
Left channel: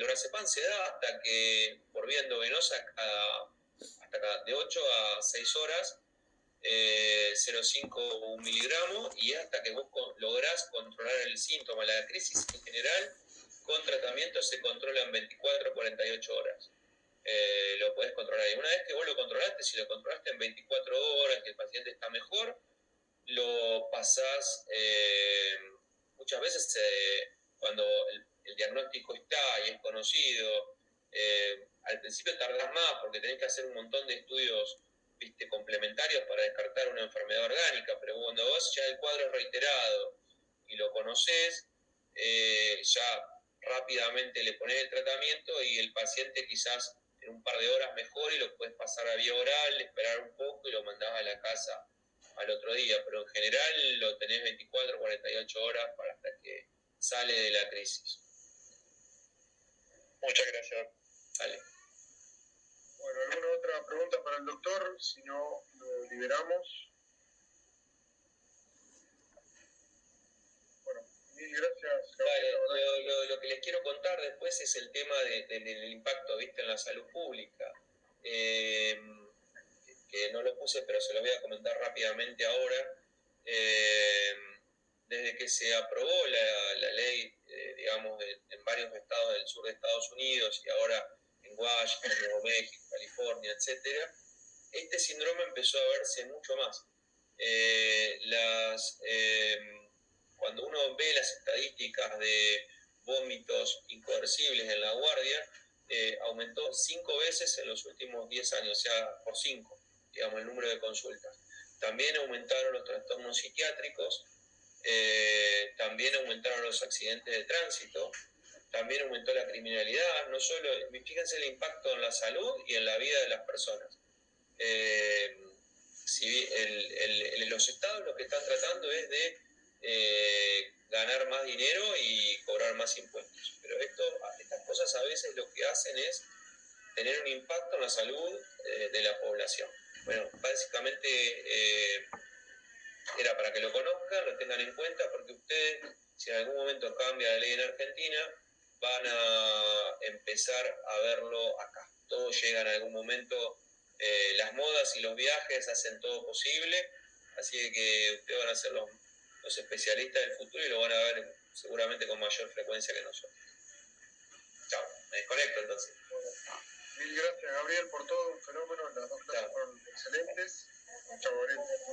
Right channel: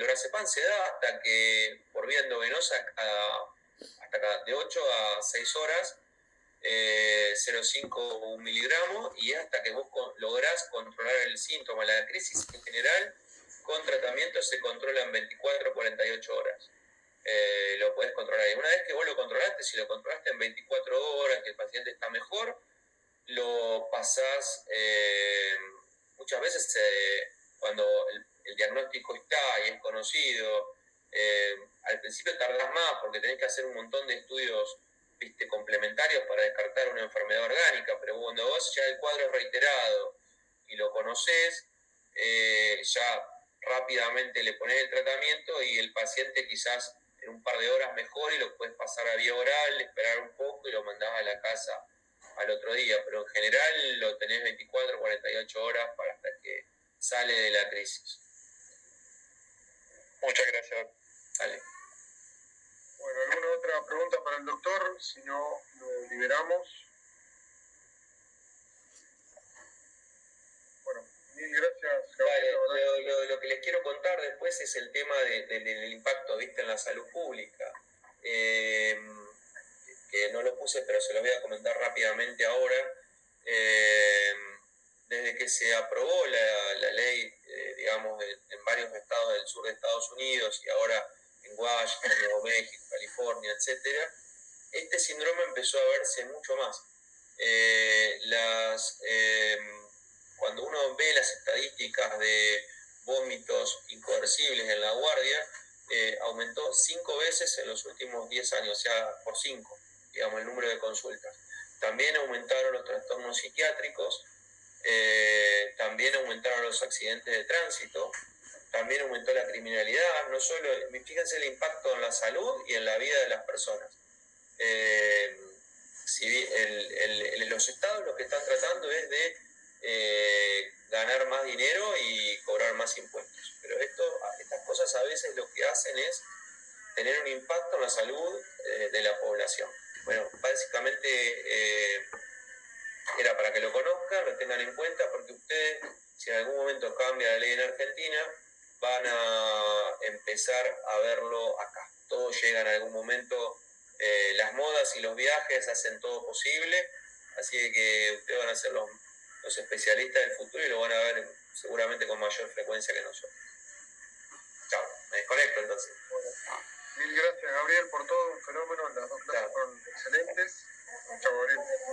lorazepam se da hasta que, por vía endovenosa, hasta de 8 a 6 horas, 0,5 miligramos, y hasta que vos lográs controlar el síntoma. La crisis en general, con tratamiento, se controla en 24 a 48 horas. Lo podés controlar. Y una vez que vos lo controlaste, si lo controlaste en 24 horas, que el paciente está mejor, lo pasás. Muchas veces cuando el diagnóstico está y es conocido, al principio tardás más porque tenés que hacer un montón de estudios, ¿viste?, complementarios para descartar una enfermedad orgánica, pero cuando vos ya el cuadro es reiterado y lo conocés, ya rápidamente le ponés el tratamiento y el paciente quizás en un par de horas mejor, y lo puedes pasar a vía oral, esperar un poco y lo mandás a la casa al otro día, pero en general lo tenés 24 o 48 horas para hasta que sale de la crisis. Muchas gracias. Dale. Bueno, ¿alguna otra pregunta para el doctor? Si no, lo liberamos. Bueno, mil gracias, Gabriel. Lo que les quiero contar después es el tema del impacto, ¿viste?, en la salud pública. Que no lo puse, pero se lo voy a comentar rápidamente ahora. Desde que se aprobó la ley, digamos, en varios estados del sur de Estados Unidos, y ahora en Washington, Nuevo México, California, etc., este síndrome empezó a verse mucho más. Cuando uno ve las estadísticas de vómitos incoercibles en la guardia, aumentó 5 veces en los últimos 10 años, o sea, por 5, digamos, el número de consultas. También aumentaron los trastornos psiquiátricos, también aumentaron los accidentes de tránsito, también aumentó la criminalidad, no solo, fíjense el impacto en la salud y en la vida de las personas. Los estados lo que están tratando es de ganar más dinero y cobrar más impuestos, pero estas cosas a veces lo que hacen es tener un impacto en la salud de la población. Bueno, básicamente era para que lo conozcan, lo tengan en cuenta, porque ustedes, si en algún momento cambia la ley en Argentina, van a empezar a verlo acá. Todo llega en algún momento, las modas y los viajes hacen todo posible, así que ustedes van a ser los especialistas del futuro y lo van a ver seguramente con mayor frecuencia que nosotros. Chao, me desconecto entonces. Mil gracias, Gabriel, por todo, un fenómeno. Las dos clases fueron excelentes. Chao, Gabriel.